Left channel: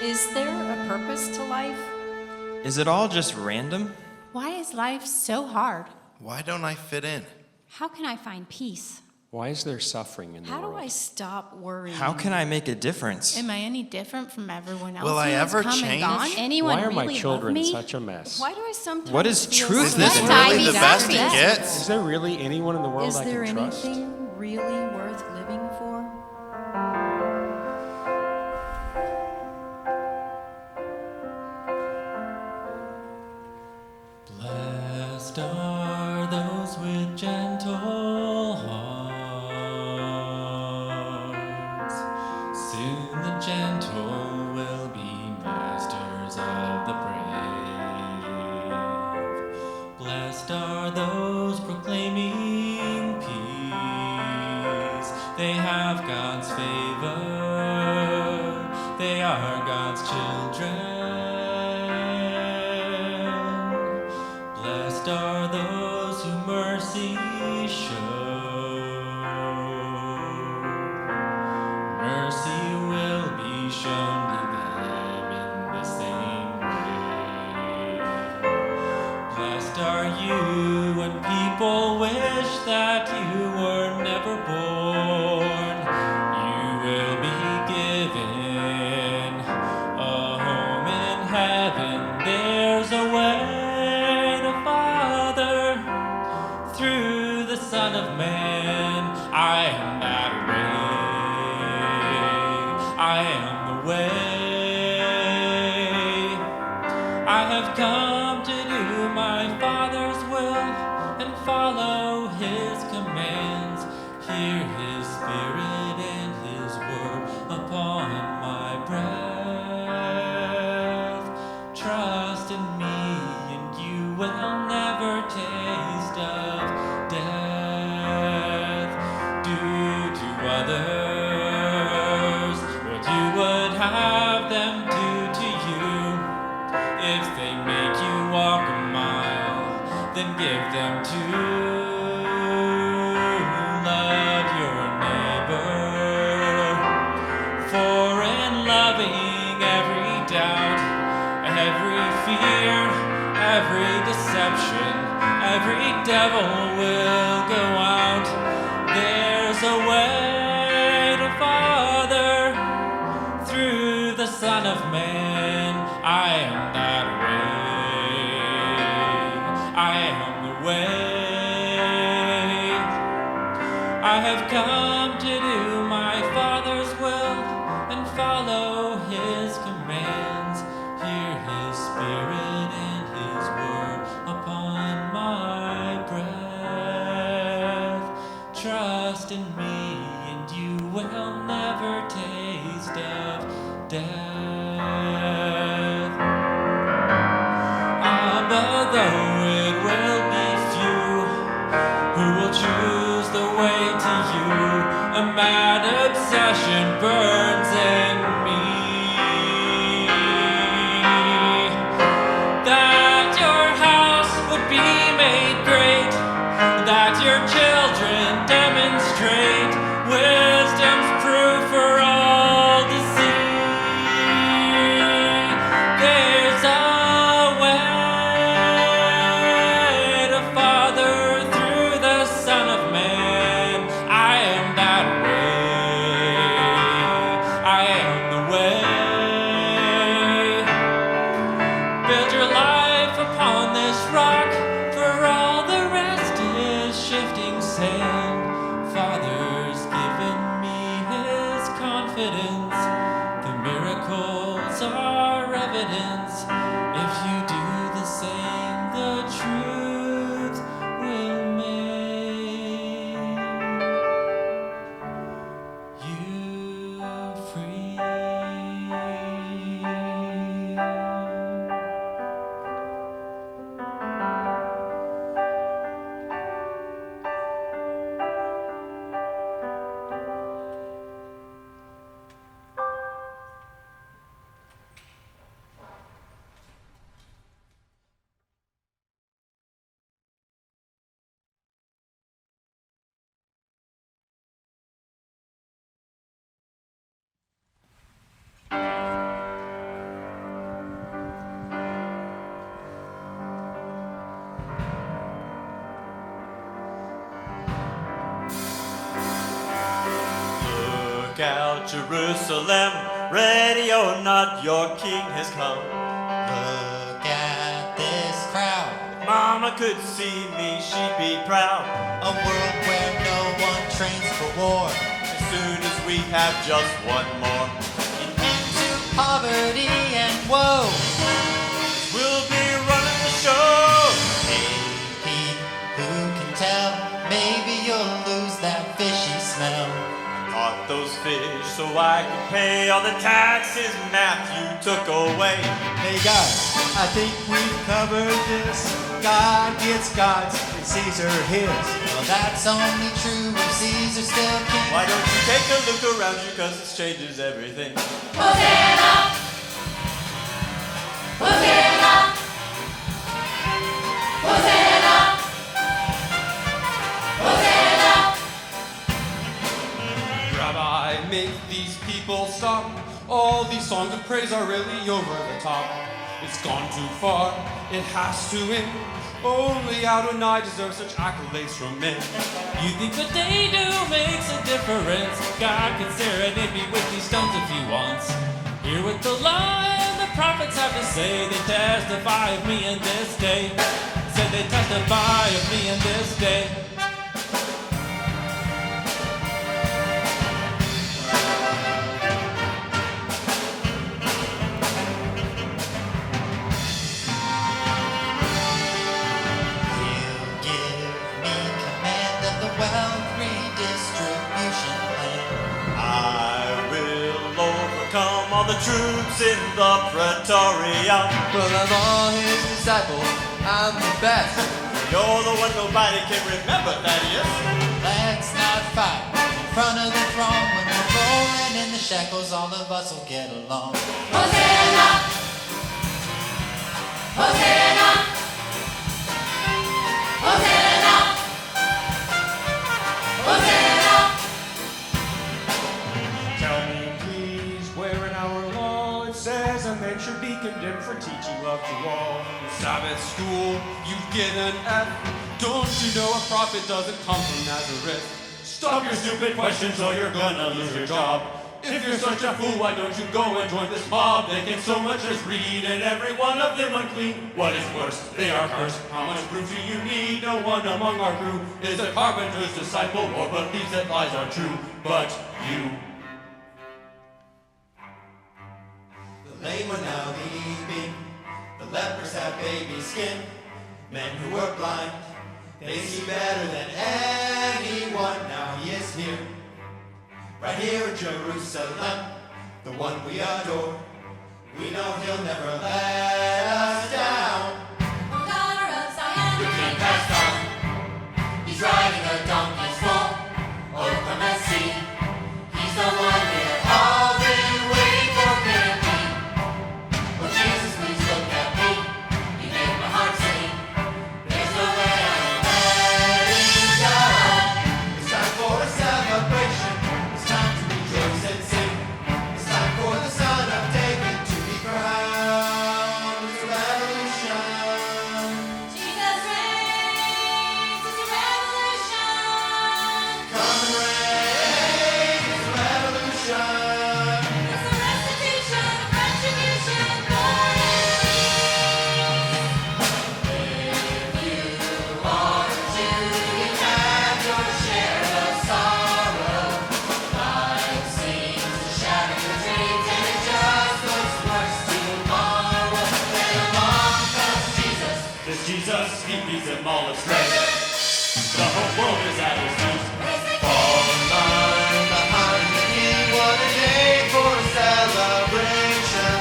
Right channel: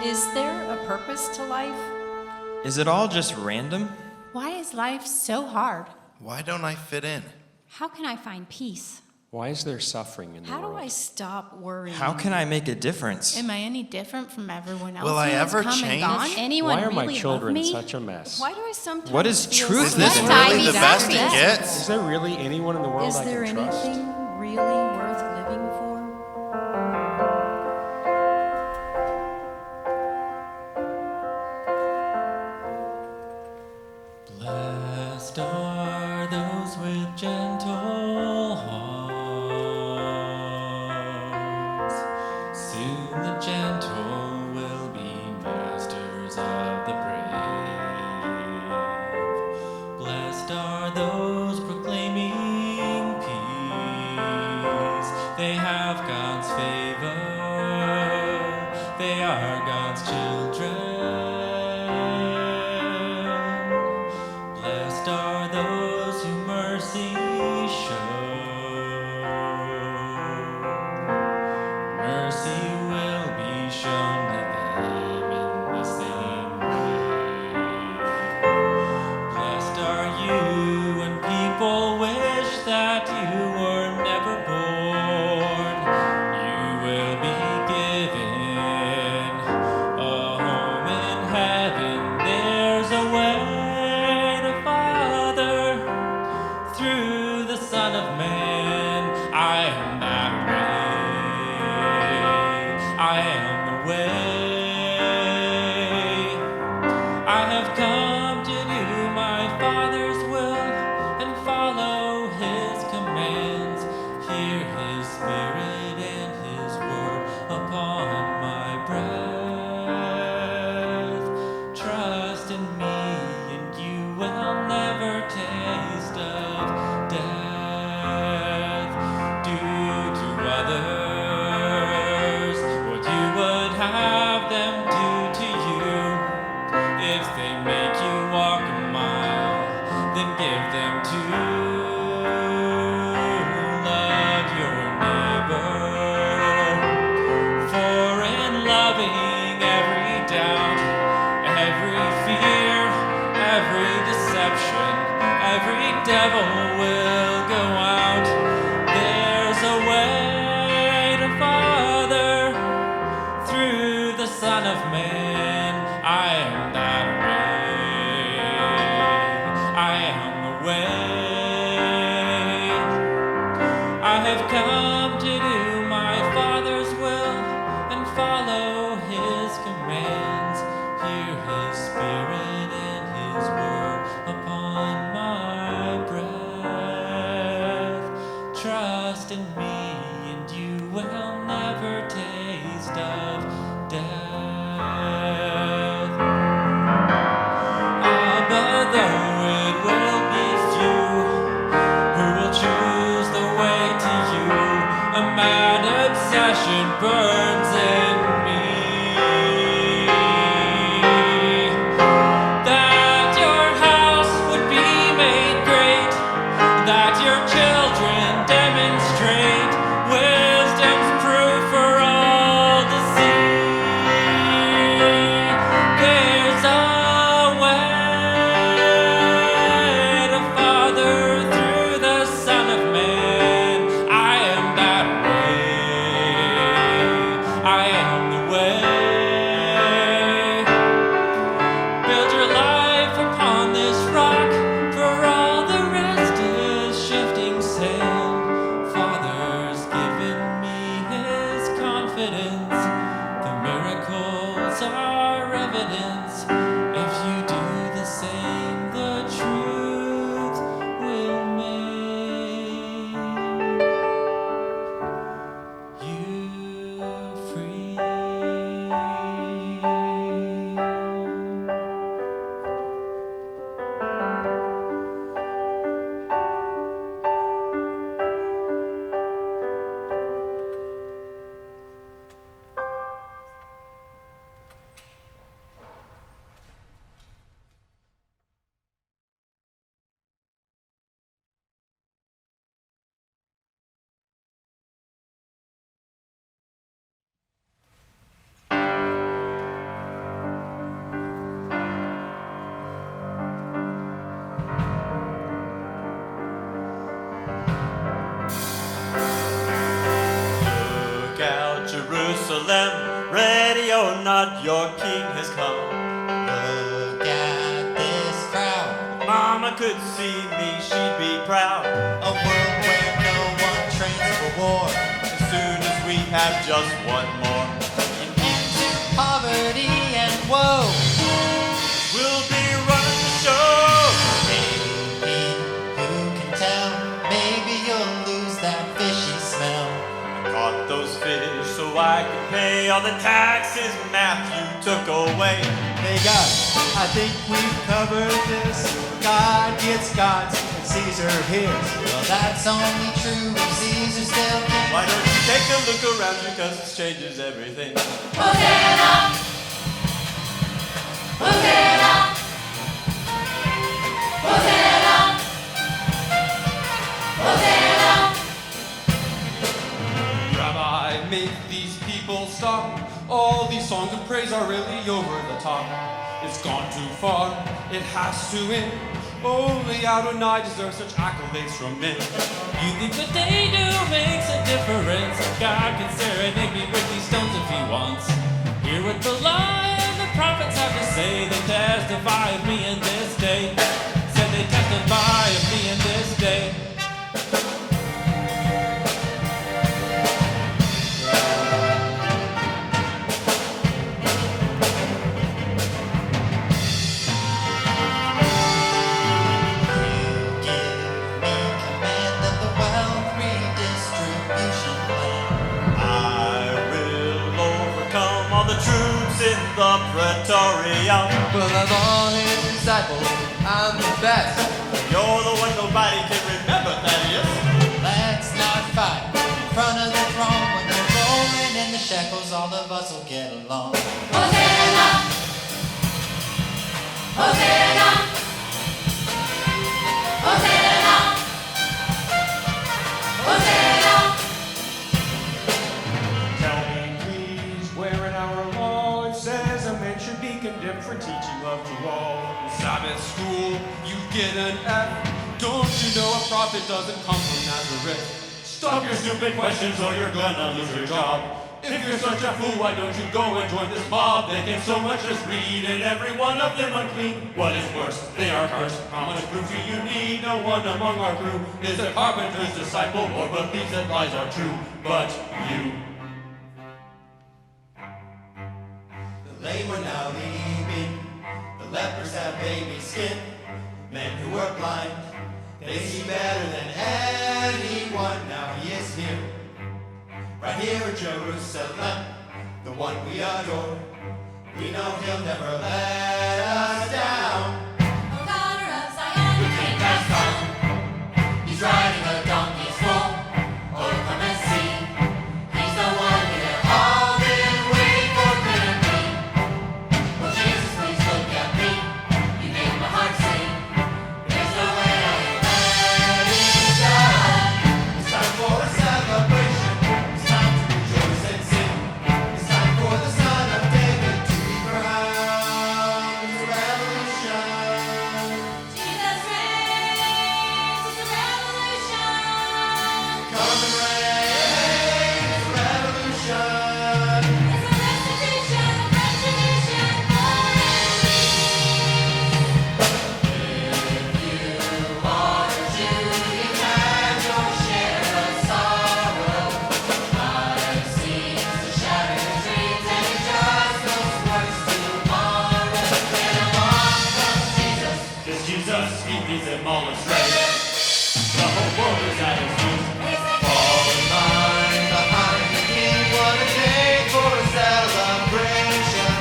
Is there a purpose to life? Is it all just random? Why is life so hard? Why don't I fit in? How can I find peace? Why is there suffering in the How world? do I stop worrying? How can I make a difference? Am I any different from everyone else? Will I who has ever come and change? gone? Does Anyone Why are my really children love me? such a mess? Why do I sometimes What is feel truth Is so this What bad? really the best it exactly? gets? Is there really anyone in the world Is I there can trust? anything really worth living for? Blessed are those with gentle hearts. Soon the gentle will be masters of the brave. Blessed are those proclaiming peace. They have God's favor. They are God's children. Blessed are those who mercy show. Mercy will be shown to them in the same way. Blessed are you when people wish that you were never born. You will be given a home in heaven. There's a way to Father through the Son of Man. I am that way. I am the way. I have come to do my Father's will and follow His commands. Hear His Spirit and His word upon my breath. Trust in me and you will never taste of death. Do to others what you would have them do to you. If they make you walk a mile, then give them two. Love your neighbor, for in loving every doubt, every fear, every deception, every devil will go out. There's a way to Father through the Son of Man. I am that way. I am the way. I have come to do my Father's will and follow His commands. Hear His Spirit and His word upon my breath. Trust in me and you will never taste of death. But though it will be few who will choose the way to you, a mad obsession burns in me. That your house would be made great, that your children demonstrate wisdom's proof for all to see. There's a way to Father through the Son of Man. I am that way. I am the way. Build your life upon this rock, for all the rest is shifting sand. Father's given me His confidence. The miracles are evidence. If you do the same, the truth will make you free. Look out, Jerusalem, ready or not, your king has come. Look at this crowd. If Mama could see me, she'd be proud. A world where no one trains for war. As soon as we have just one more, An end to poverty and woe. we'll be running the show. Hey, Pete, who can tell? Maybe you'll lose that fishy smell. I caught those fish so I could pay all the taxes Matthew took away. Hey guys, I think we've covered this. God gets God's and Caesar his. Well, that's only true if Caesar's still king. Why don't you take a look around you, cause it changes everything. Hosanna! Hosanna! Hosanna! Hosanna! Rabbi, make these people stop. All these songs of praise are really over the top. It's gone too far, it has to end. Only Adonai deserves such accolades from men. You think what they do makes a difference? God can serenade me with these stones if he wants. Hear what the law and the prophets have to say. They testify of me in this day. Said they testify of me in this day. He'll give me command of the wealth redistribution plan. I will overcome all the troops in the Praetorium. Well, of all his disciples, I'm the best. You're the one nobody can remember, Thaddeus. Let's not fight in front of the throne. When we're rolling in the shackles, all of us will get along. Hosanna! Hosanna! Hosanna! Hosanna! Tell me, please, where in our law it says a man should be condemned for teaching love to all. In Sabbath school, you get an F. Don't you know a prophet doesn't come from Nazareth? Stop your stupid questions or you're gonna lose your job. If you're such a fool, why don't you go and join this mob? They can so much as read, and every one of them unclean. What is worse, they are cursed. How much proof do you need? No one among our crew is a carpenter's disciple or believes that lies are true. But you. The lame are now leaping. The lepers have baby skin. Men who were blind, they see better than anyone. Now he is here, right here in Jerusalem, the one we adore. We know he'll never let us down. O daughter of Zion, The king has come. he's riding a donkey's foal. Oh, come and see. He's the one we have all been waiting for, can it be? Oh, Jesus, please look at me. You make my heart sing. There's no way I am letting go. It's time for a celebration. It's time to rejoice and sing. It's time for the Son of David to be crowned. It's a revolution. Jesus reigns, it's a revolution. Come and reign. It's a revolution. It's a restitution of retribution for enemies. If you are a Jew, you've had your share of sorrow. Life seems to shatter your dreams, and it just looks worse tomorrow. Then along comes Jesus. This Jesus, he leads them all astray. The whole world is at his feet. Fall in line behind the King. What a day for a celebration.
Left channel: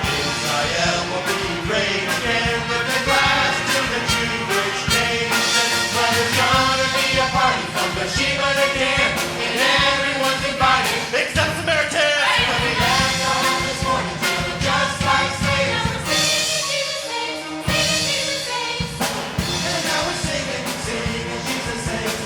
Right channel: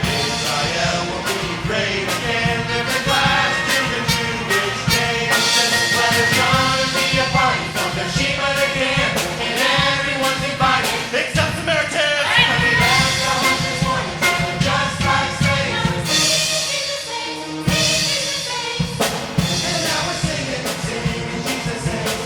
Israel will be great again. Lift a glass to the Jewish nation. Well, there's gonna be a party from Beersheba to Dan, and everyone's invited except Samaritans. Because they left our home this morning feeling just like slaves. Now we're singing Jesus saves, singing Jesus saves. And now we're singing, singing Jesus saves.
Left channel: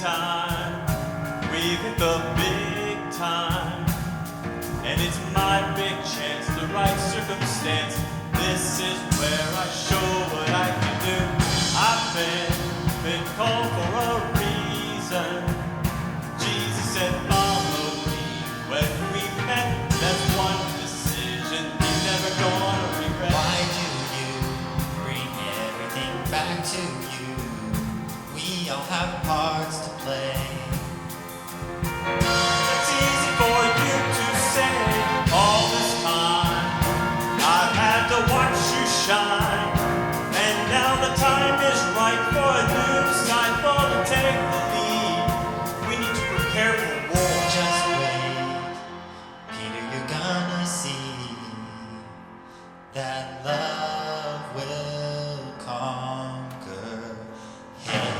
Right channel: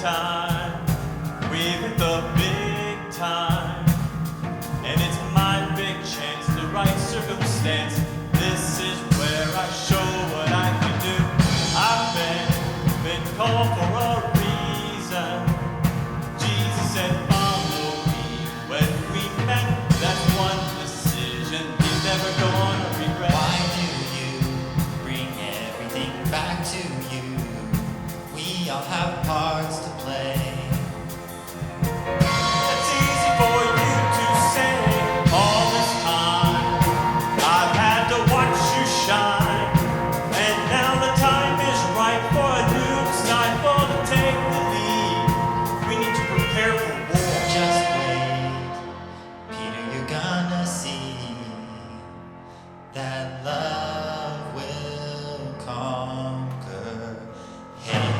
time. We've hit the big time. And it's my big chance, the right circumstance. This is where I show what I can do. I've been called for a reason. Jesus said, follow me. When we met, that's one decision he's never gonna regret. Why do you bring everything back to you? We all have parts to play. That's easy for you to say. All this time I've had to watch you shine, and now the time is right for a new disciple to take the lead. We need to prepare for war. Just wait, Peter, you're gonna see that love will conquer hate.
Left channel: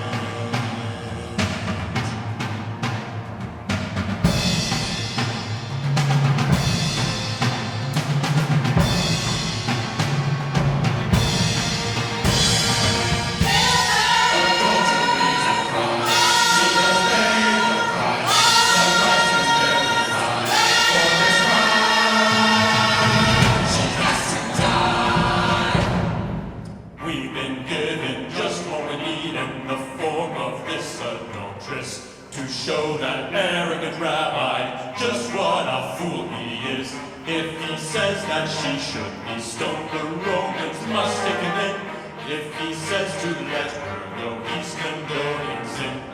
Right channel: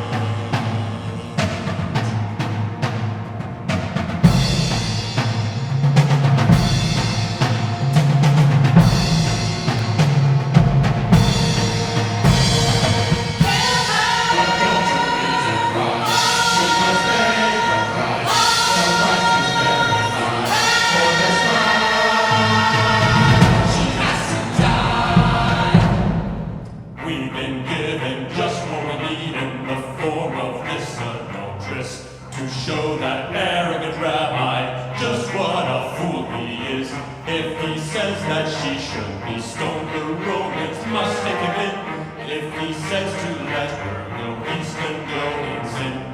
We've been given just what we need in the form of this adulteress to show that arrogant rabbi just what a fool he is. If he says that she should be stoned, the Romans must take him in. If he says to let her go, he's condoning sin.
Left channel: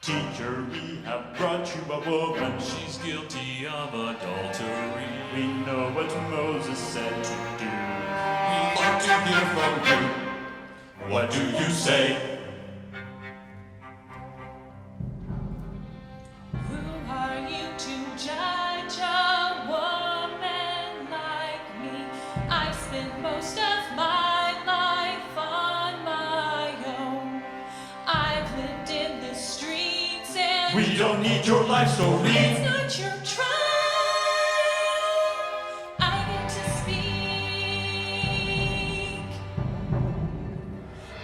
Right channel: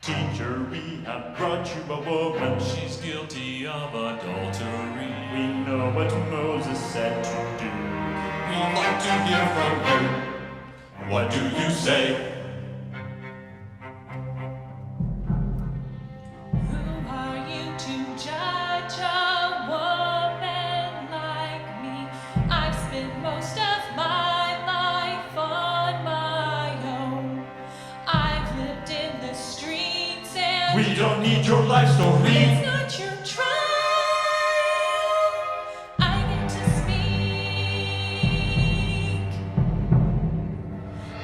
Teacher, we have brought you a woman. She's guilty of adultery. We know what Moses said to do. We'd like to hear from you. What do you say? Who are you to judge a woman like me? I've spent most of my life on my own. I've lived in the streets and We don't need your life story. it's not your trial. I get to speak.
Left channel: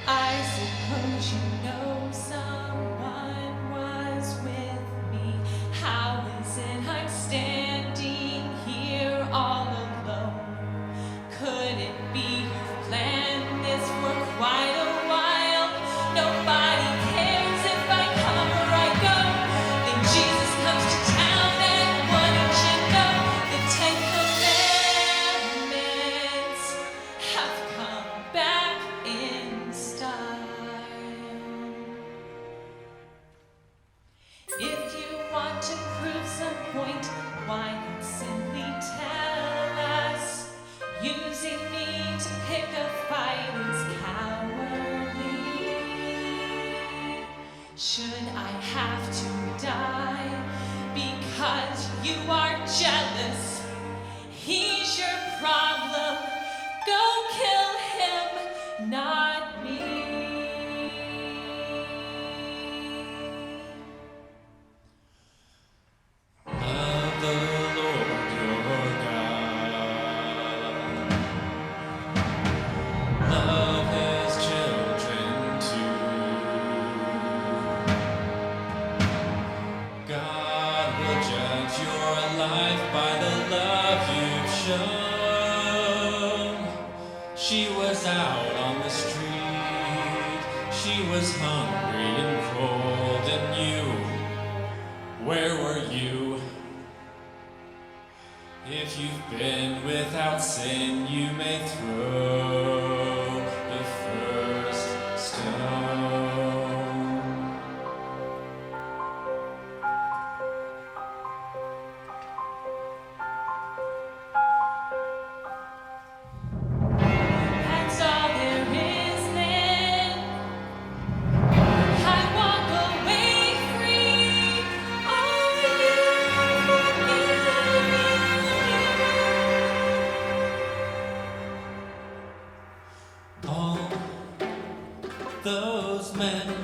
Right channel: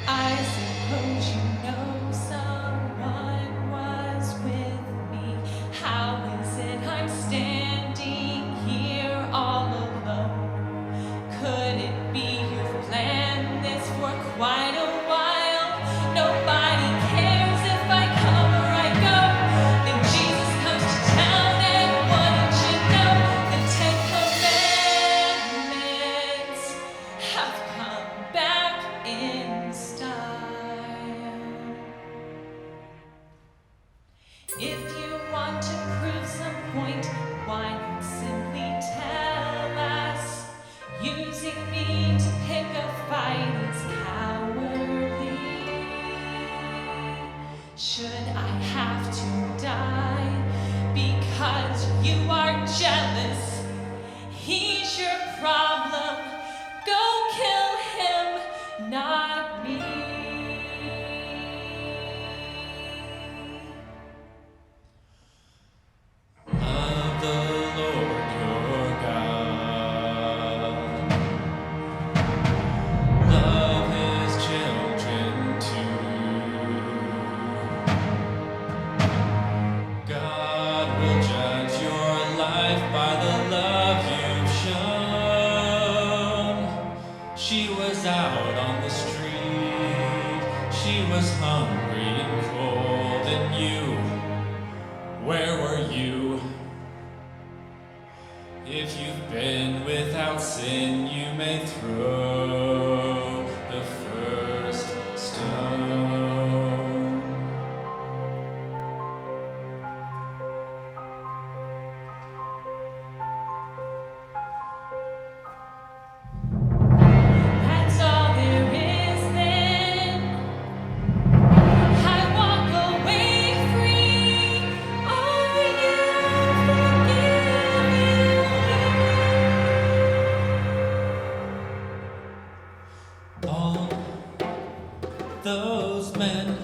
I suppose you know someone was with me. How is it I'm standing here all alone? Could it be you've planned this for quite a while? Nobody cares if I come or I go. Then Jesus comes to town, and what did you know? The 10 Commandments have come back in style. If you want to prove some point, why not simply tell us? Using me to pick a fight is cowardly. Should I have to die because you are jealous? He's your problem. Go kill him, not me. Love the Lord your God. Love his children too. God will judge your life by the love you've shown. She was out on the street. She was hungry and cold, and you, where were you? If you've been without sin, you may throw the first stone. That's all there is then. I walk away free. Are you forgiving me? All those men,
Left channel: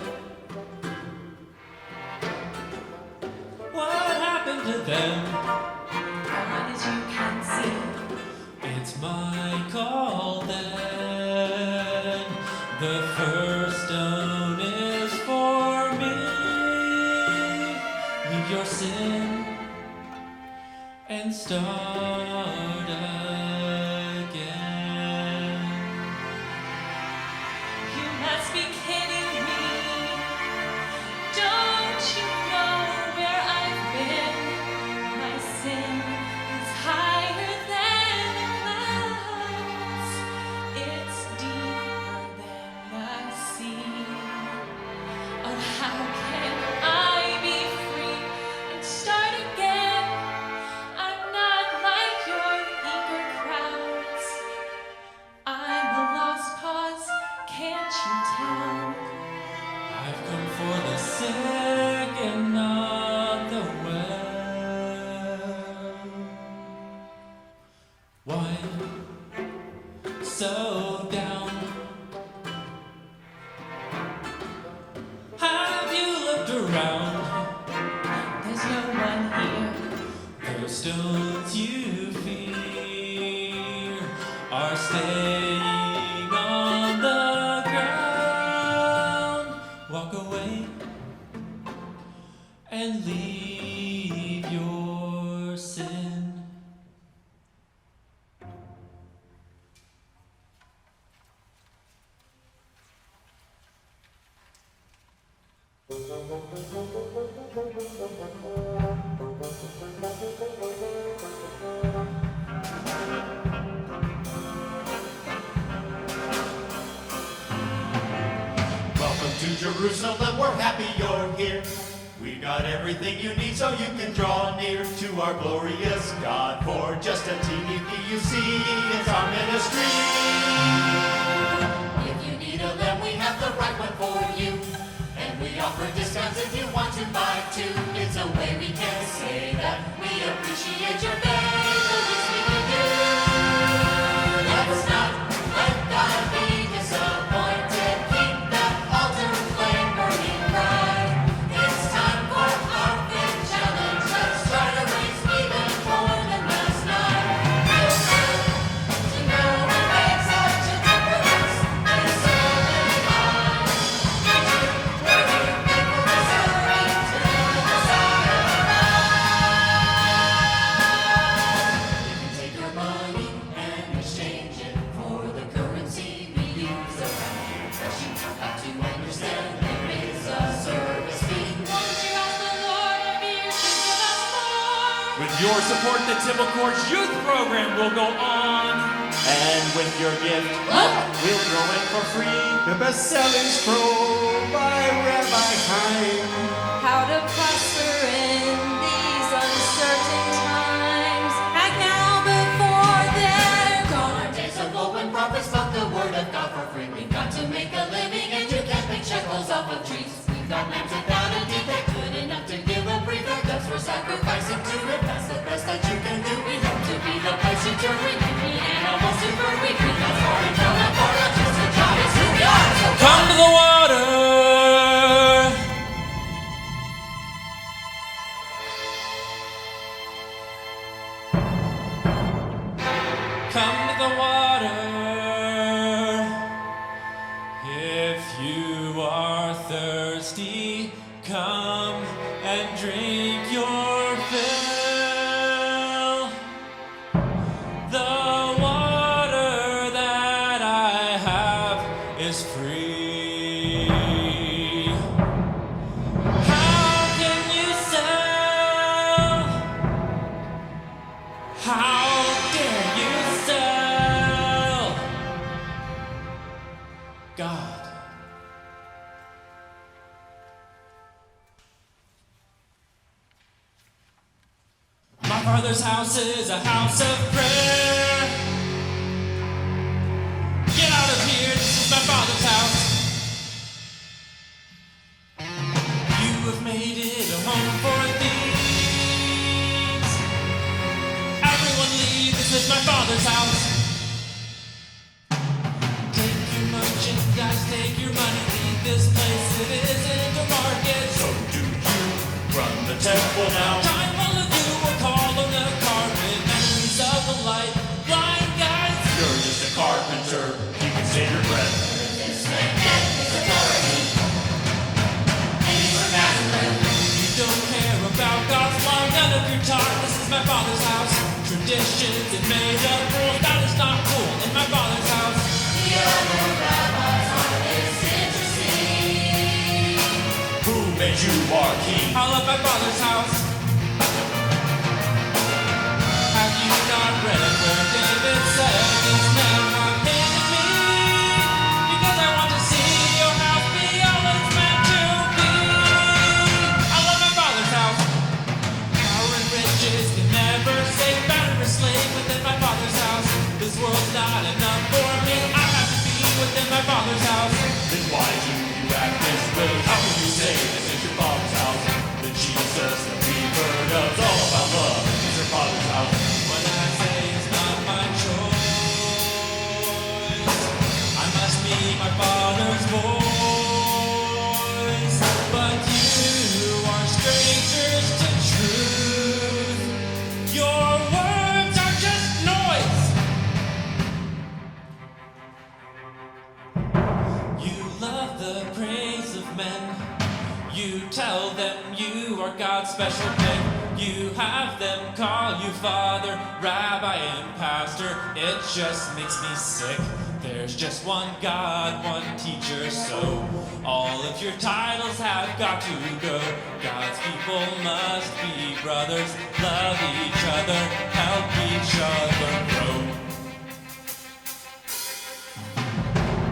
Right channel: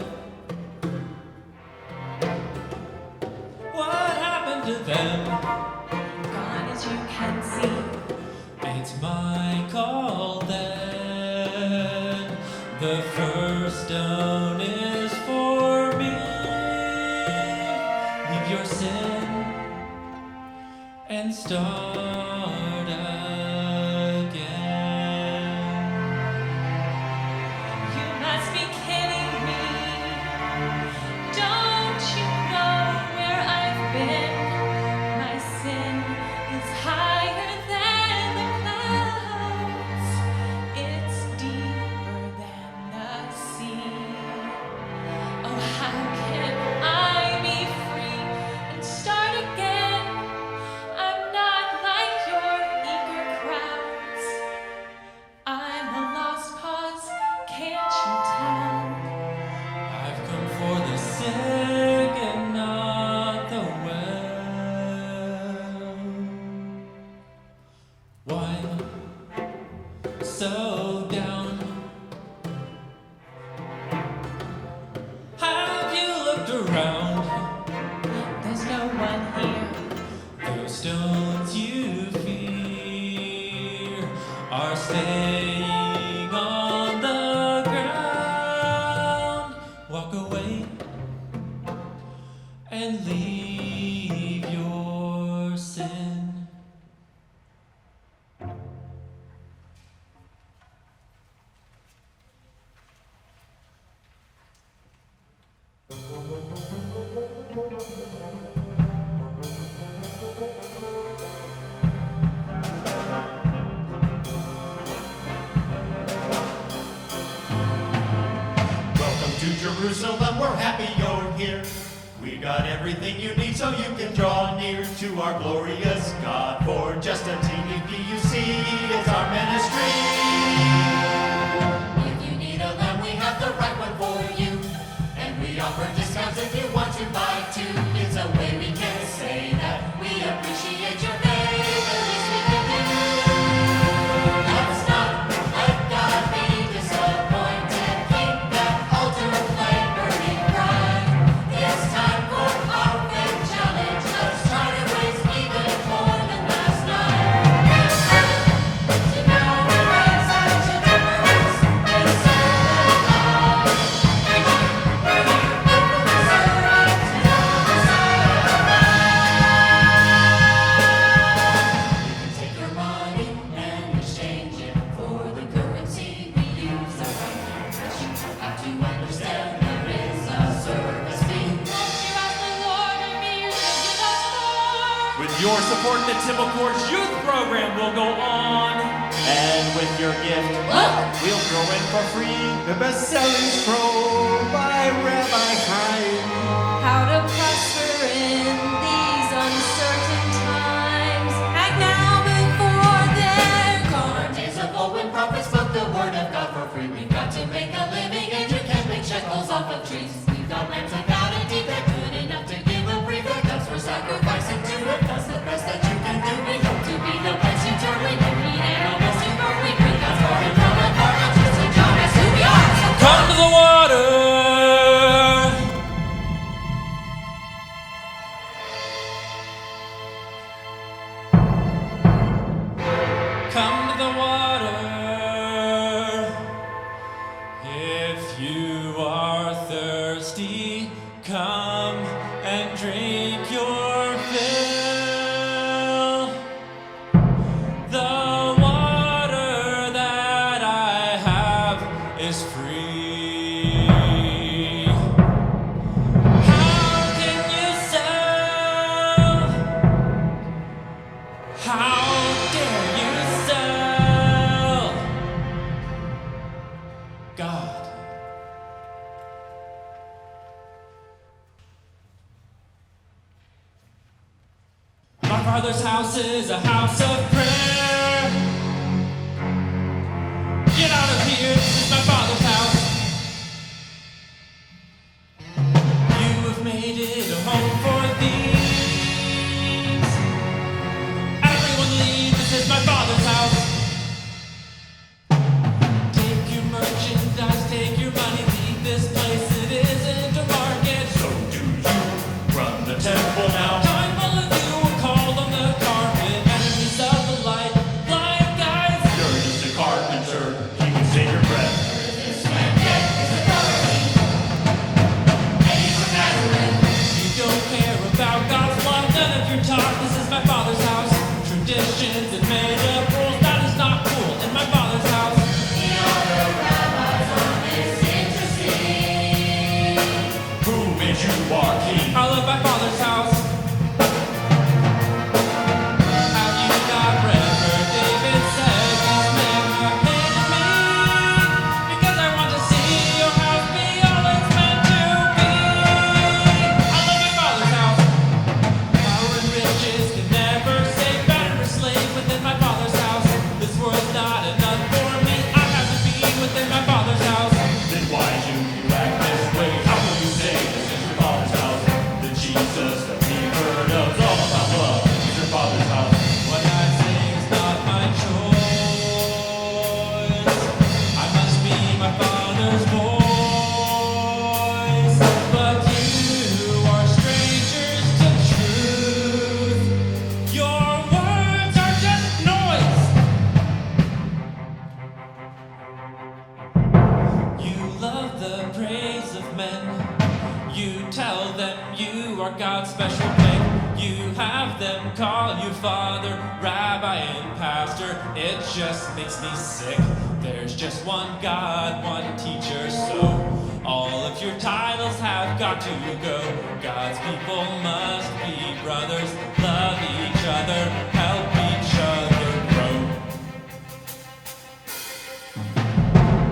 what happened to them? Gone as you can see. It's my call then. The first stone is for me. Leave your sin and start again. You must be kidding me. Don't you know where I've been? My sin is higher than the clouds. It's deeper than the sea. Oh, how can I be free and start again? I'm not like your eager crowds. I'm a lost cause, can't you tell? I've come for the sick and not the well. Why so down? Have you looked around? There's no one here. Those stones you fear are staying on the ground. Walk away and leave your sin. Welcome to Jerusalem, we're happy you're here. We got everything you need so you can draw near to our glorious God. For just a teeny fee, you see, it's our ministry. If you need a lamb, we have the right one for you. And we offer discounts if you want to buy two. It's a way we can say that we appreciate your faith, the least we can do. Let's not let God be disappointed. Keep that altar flame burning bright. It's time for our faith challenge. Let's try to raise even more than last night. Feels good to know we made such a difference in so many lives. And you were here faithfully serving till the Messiah arrived. We can take your money and exchange it for the currency we use around here. But you have to understand there is a service fee. Won't you ask the Lord if He should give us more? With your support, the Temple Courts Youth Program will go on. And with your gift, we'll throw in for free. The best-selling scroll by Rabbi Chaim. How to prosper in these uncertain times. Act now before they're Gone gone. are days of old when prophets spoke the word of God for free. We've got to make a living and you can't pick shekels off of trees. We've got lambs without a defect, good enough to give a prefect. That's for sacrificing to it, that's the best that you can do. We hope to be the place you turn when you need animals to burn. We bring God's party from afar, not just a job, it's who we are. So Come to the water. Come to the water. If you are thirsty, come and drink your fill. The water that I have is free. How can you sell? How dare you sell God? My Father's house is a house of prayer. Get out of here, this is my Father's house. You have made it a home for thieves. Everyone leave, this is my Father's house. Take your merchandise, take your money, leave this place, it isn't a market. So do you run the temple now? Time all of you were called on the carpet, enemies of the light, blind guides. You're just a carpenter, you can save your breath. this man your talk, this is my father's house. Traditions and made up rules, that is not cool in my father's house. The other rabbis aren't this interesting. Who made you our king? I love my father's house. Have you not read where David said these men have hated me? Because I want to see your house be all it's meant to be. I love my father's house. Power and riches can never save. Better a slave within my father's house. This world's not enough for me. I have to be within my father's house. Then why do you act this way? How can you say this is your father's house? The Jesus that we heard of is all about love. It's your father's house. What I say is not my choice. I must be my father's voice. But you are strangers to truth. Your words are just noise. You love the praise of men. You tell them you are God's special pick. You have them call you father, rabbi, and pastor. It just makes me sick. There's just one God, one teacher, so all of your titles have got to go. God's people must be brothers, love each other, help each other grow.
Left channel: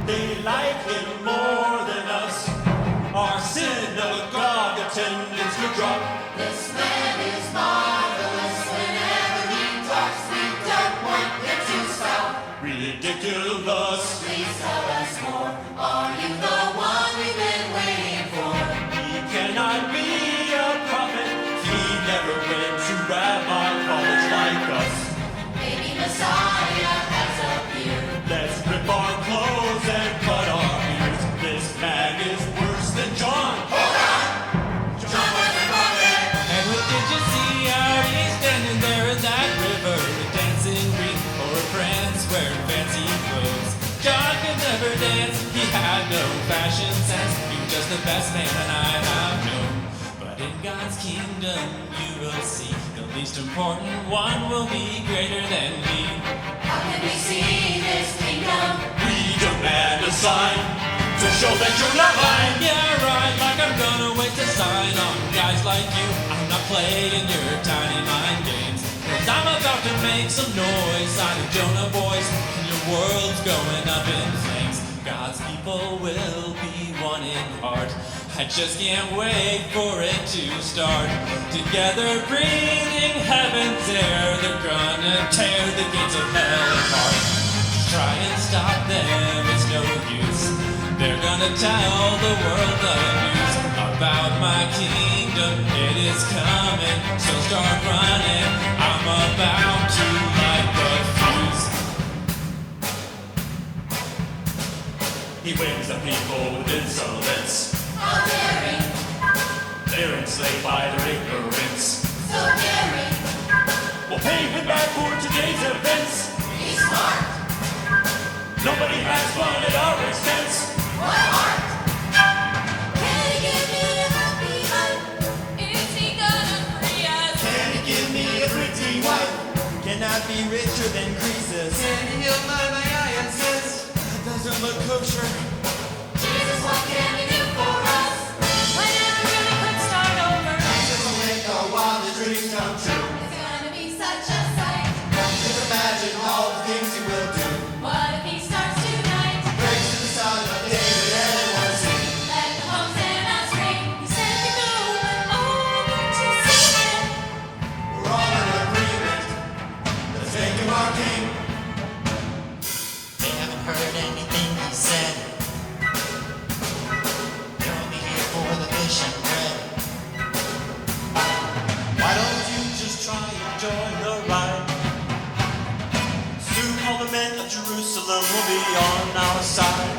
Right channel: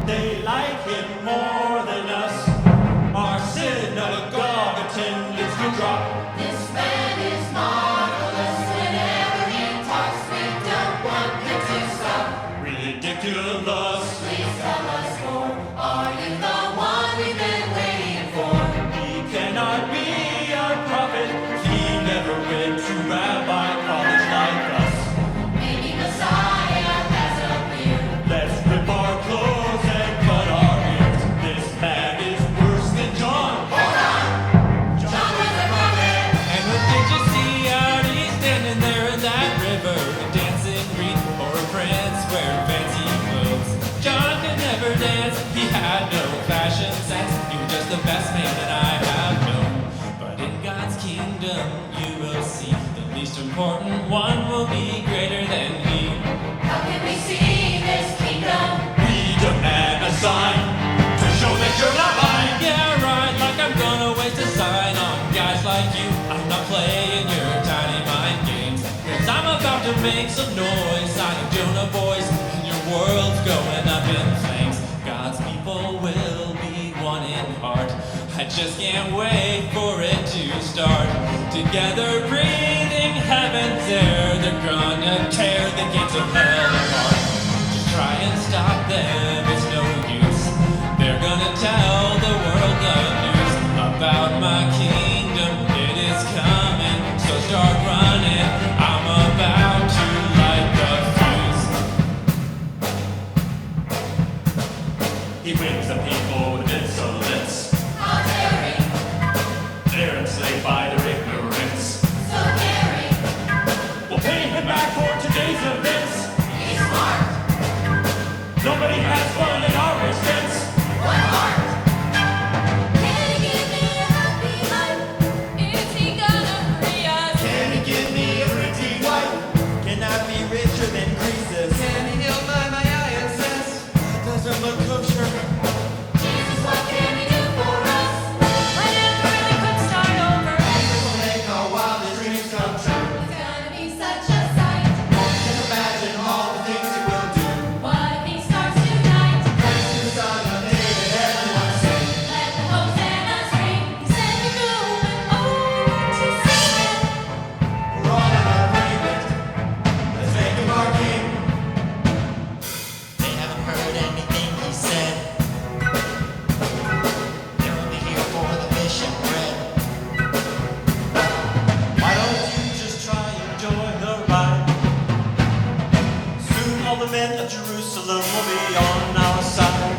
They like him more than us. Our synagogue attendance to drop. This man is marvelous. Whenever he talks, we don't want him to stop. Ridiculous. Please tell us more. Are you the one we've been waiting for? He cannot be a prophet. He never went to rabbi college like us. Maybe Messiah has appeared. Let's rip our clothes and cut our ears. This man is worse than John. Hold on! John was a prophet. And what did you see out east standing there in that river? A dancing green or a prince wearing fancy clothes? John could never dance, he had no fashion sense. He was just the best man that I have known. But in God's kingdom you will see the least important one will be greater than he. How can we see this kingdom? We demand a sign to show that you're not lying. Yeah, right, like I'm gonna waste a sign on guys like you. I'm not playing your tiny mind games, 'cause I'm about to make some noise. Sign of Jonah, boys, and your world's going up in flames. God's people will be one in heart. I just can't wait for it to start. Together breathing heaven's air, they're gonna tear the gates of hell apart. Just try and stop them, it's no use. They're gonna tell the world the news about my kingdom. It is coming, so start running. I'm about to light the fuse. He wins the people with insolence. How daring, They're enslaved by their ignorance. so caring. We'll pay him back for today's events. He's smart. Nobody has fun at our expense. What heart? Can he give me a happy life? Is he gonna free us? Can he give me a pretty wife? Can I be richer than Croesus? Can he heal my ISS? That doesn't look kosher. Jesus, what can he do for us? When if we really could start over? Jesus will make our wildest dreams come true. It's gonna be such a sight. Just imagine all the things he will do. What if he starts tonight? Praise to the Son of David, everyone sing. Let the hosannas ring. He sent me through, and oh, I need to see him. We're all in agreement. Let's make him our king. They haven't heard anything he said. They're only here for the fish and bread. Why don't you just try and join the ride? Soon all the men of Jerusalem will be on our side.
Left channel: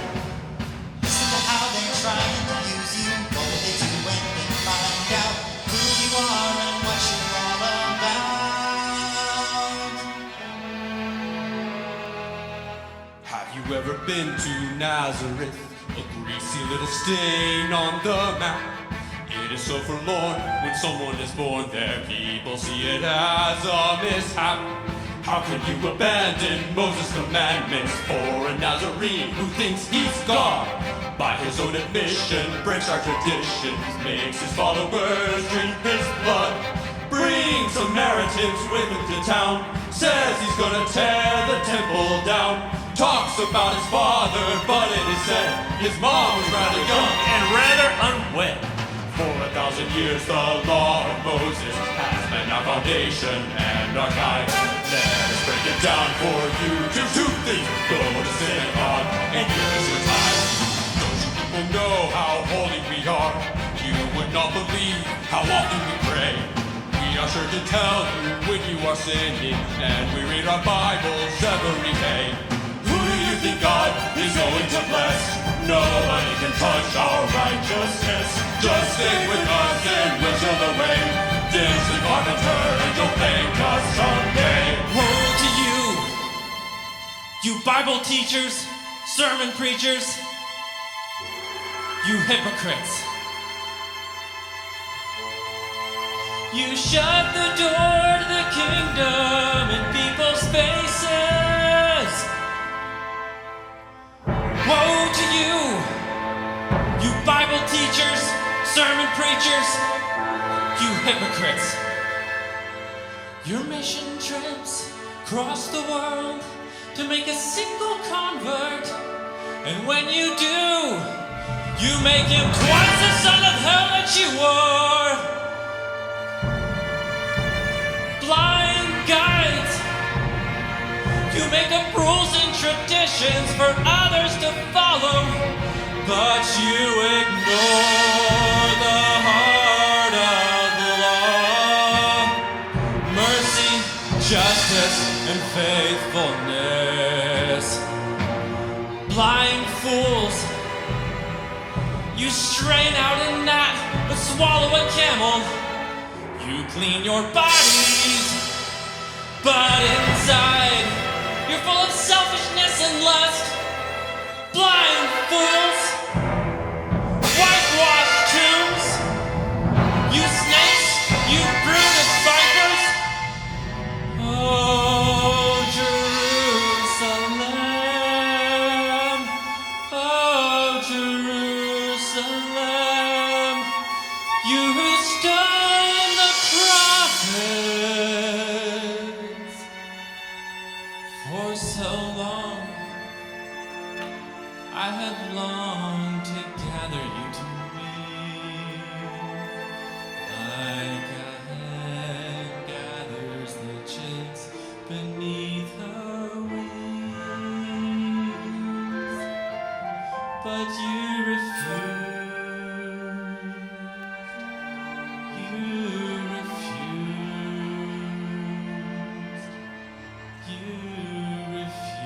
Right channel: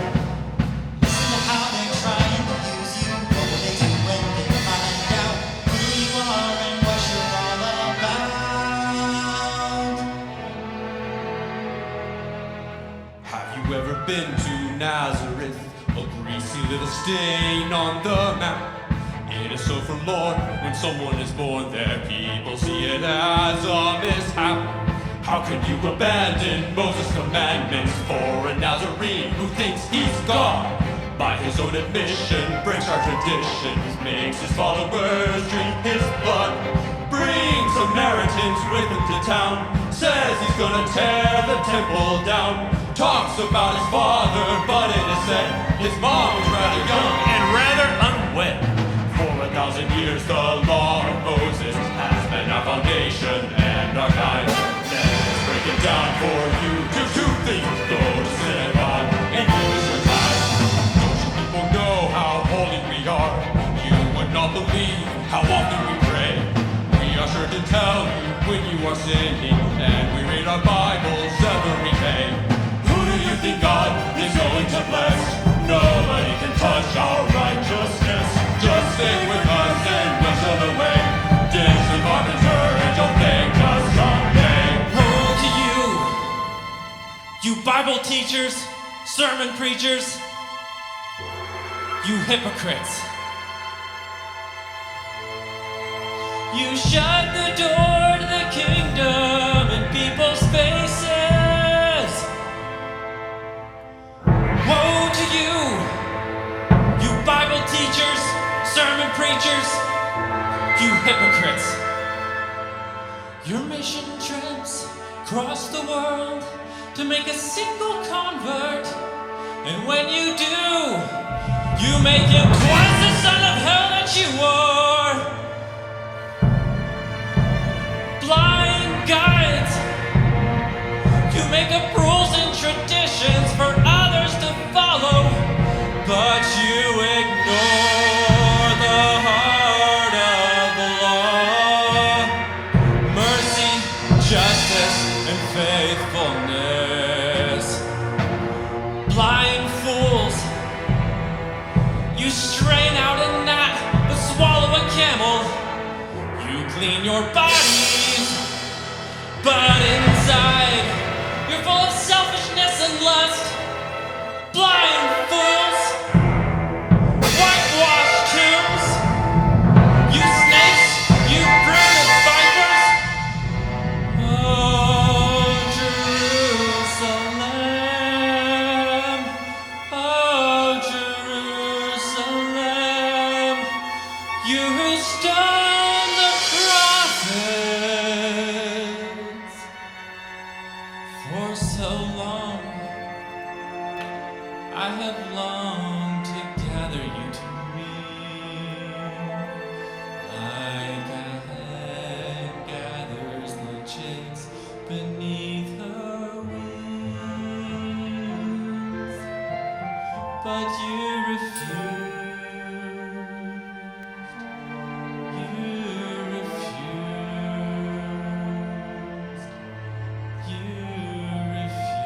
Listen to how they're trying to use you. What will they do when they find out who you are and what you're all about? Have you ever been to Nazareth? A greasy little stain on the map. It is so forlorn when someone is born there. People see it as a mishap. How can you abandon Moses' commandments for a Nazarene who thinks he's God? By his own admission, breaks our traditions, makes his followers drink his blood. Brings Samaritans with him to town, says he's gonna tear the temple down. Talks about his father, but it is said his mom was rather young and rather unwed. For 1,000 years the law of Moses has been our foundation and our guide. Let's break it down for you. Two things: go to synagogue and give us your time. Don't you people know how holy we are? You would not believe how often we pray. We are sure to tell you when you are sinning, and we read our Bibles every day. Who do you think God is going to bless? Nobody can touch our righteousness. Just stick with us and we'll show the way. Ditch the carpenter and you'll thank us someday. Woe to you Bible teachers, sermon preachers, you hypocrites. You shut the door to the kingdom in people's faces. Woe to you Bible teachers, sermon preachers, you hypocrites. Your mission trips across the world to make a single convert. And when you do, you make him twice the son of hell that you were. Blind guides, you make up rules and traditions for others to follow, but you ignore the heart of the law. Mercy, justice, and faithfulness. Blind fools, you strain out a gnat but swallow a camel. You clean your bodies, but inside you're full of selfishness and lust. Blind fools, whitewashed tombs, you snakes, you brood of vipers. Oh, Jerusalem, oh, Jerusalem, you who stoned the prophets for so long. I have longed to gather you to me, like a hen gathers the chicks beneath her wings. But you refused. You refused. You refused.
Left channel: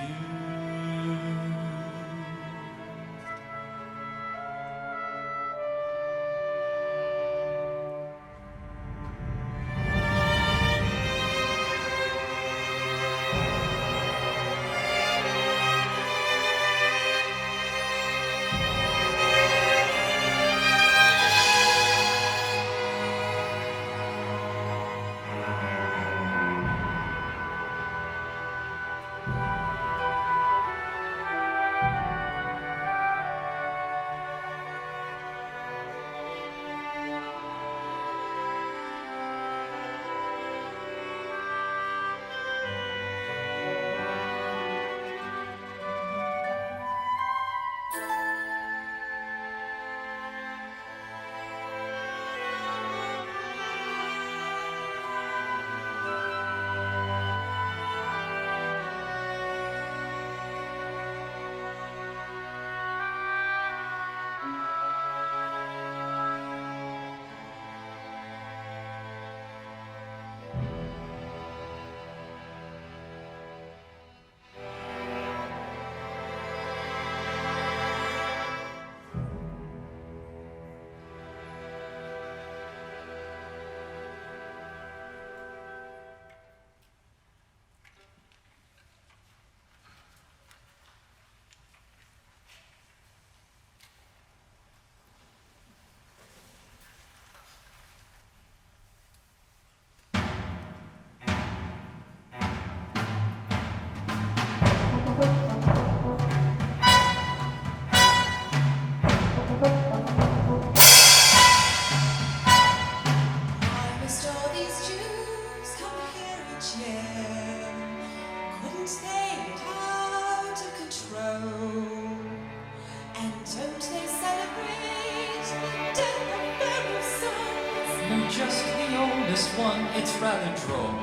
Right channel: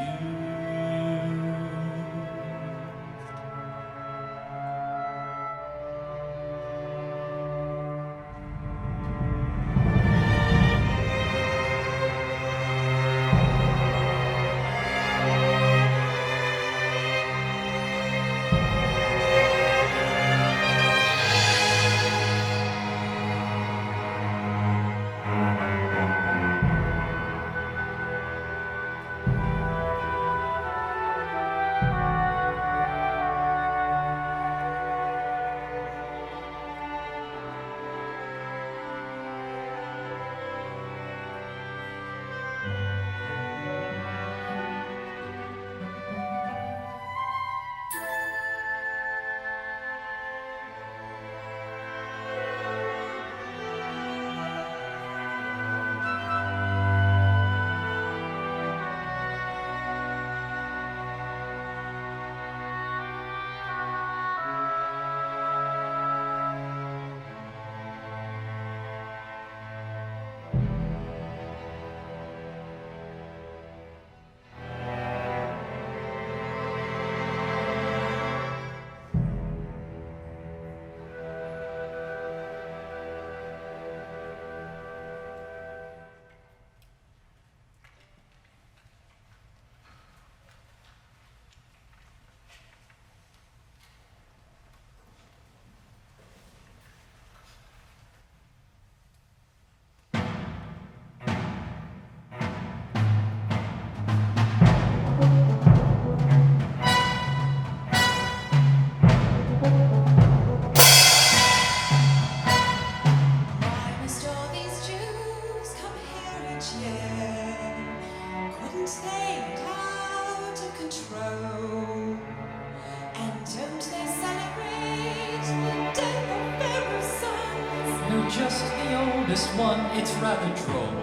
I'm just the oldest one, it's rather droll.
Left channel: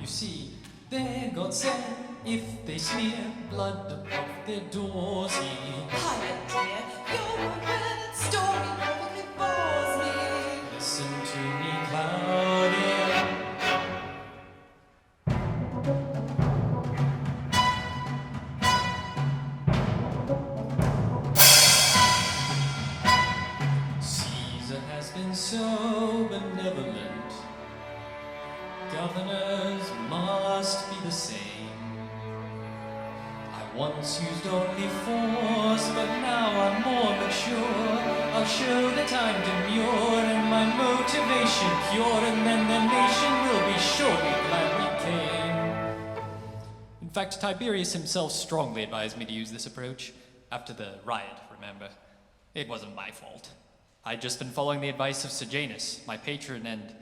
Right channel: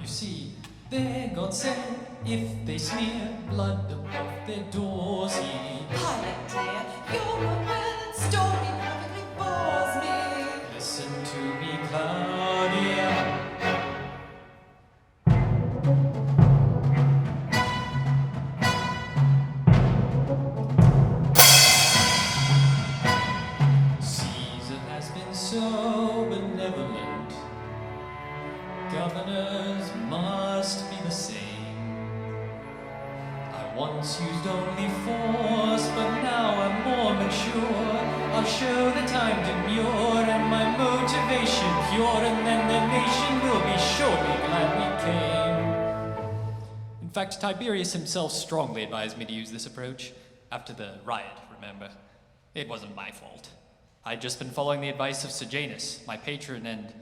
You see, their God said, if they smear blood above their doors, he... Pilate, dear, you're aware that story perfectly bores me. Listen to me, Claudia. Caesar has been so benevolent. Governors must be the same. I once used only force, but now I'm more mature. I'll show that I'm demure and my motivation pure, and then the nation will be surely glad we came. In fact, Tiberius himself strongly advised me to use this approach. After the riot, remember? It wasn't my fault. I'd just been following the advice of Sejanus, my patron and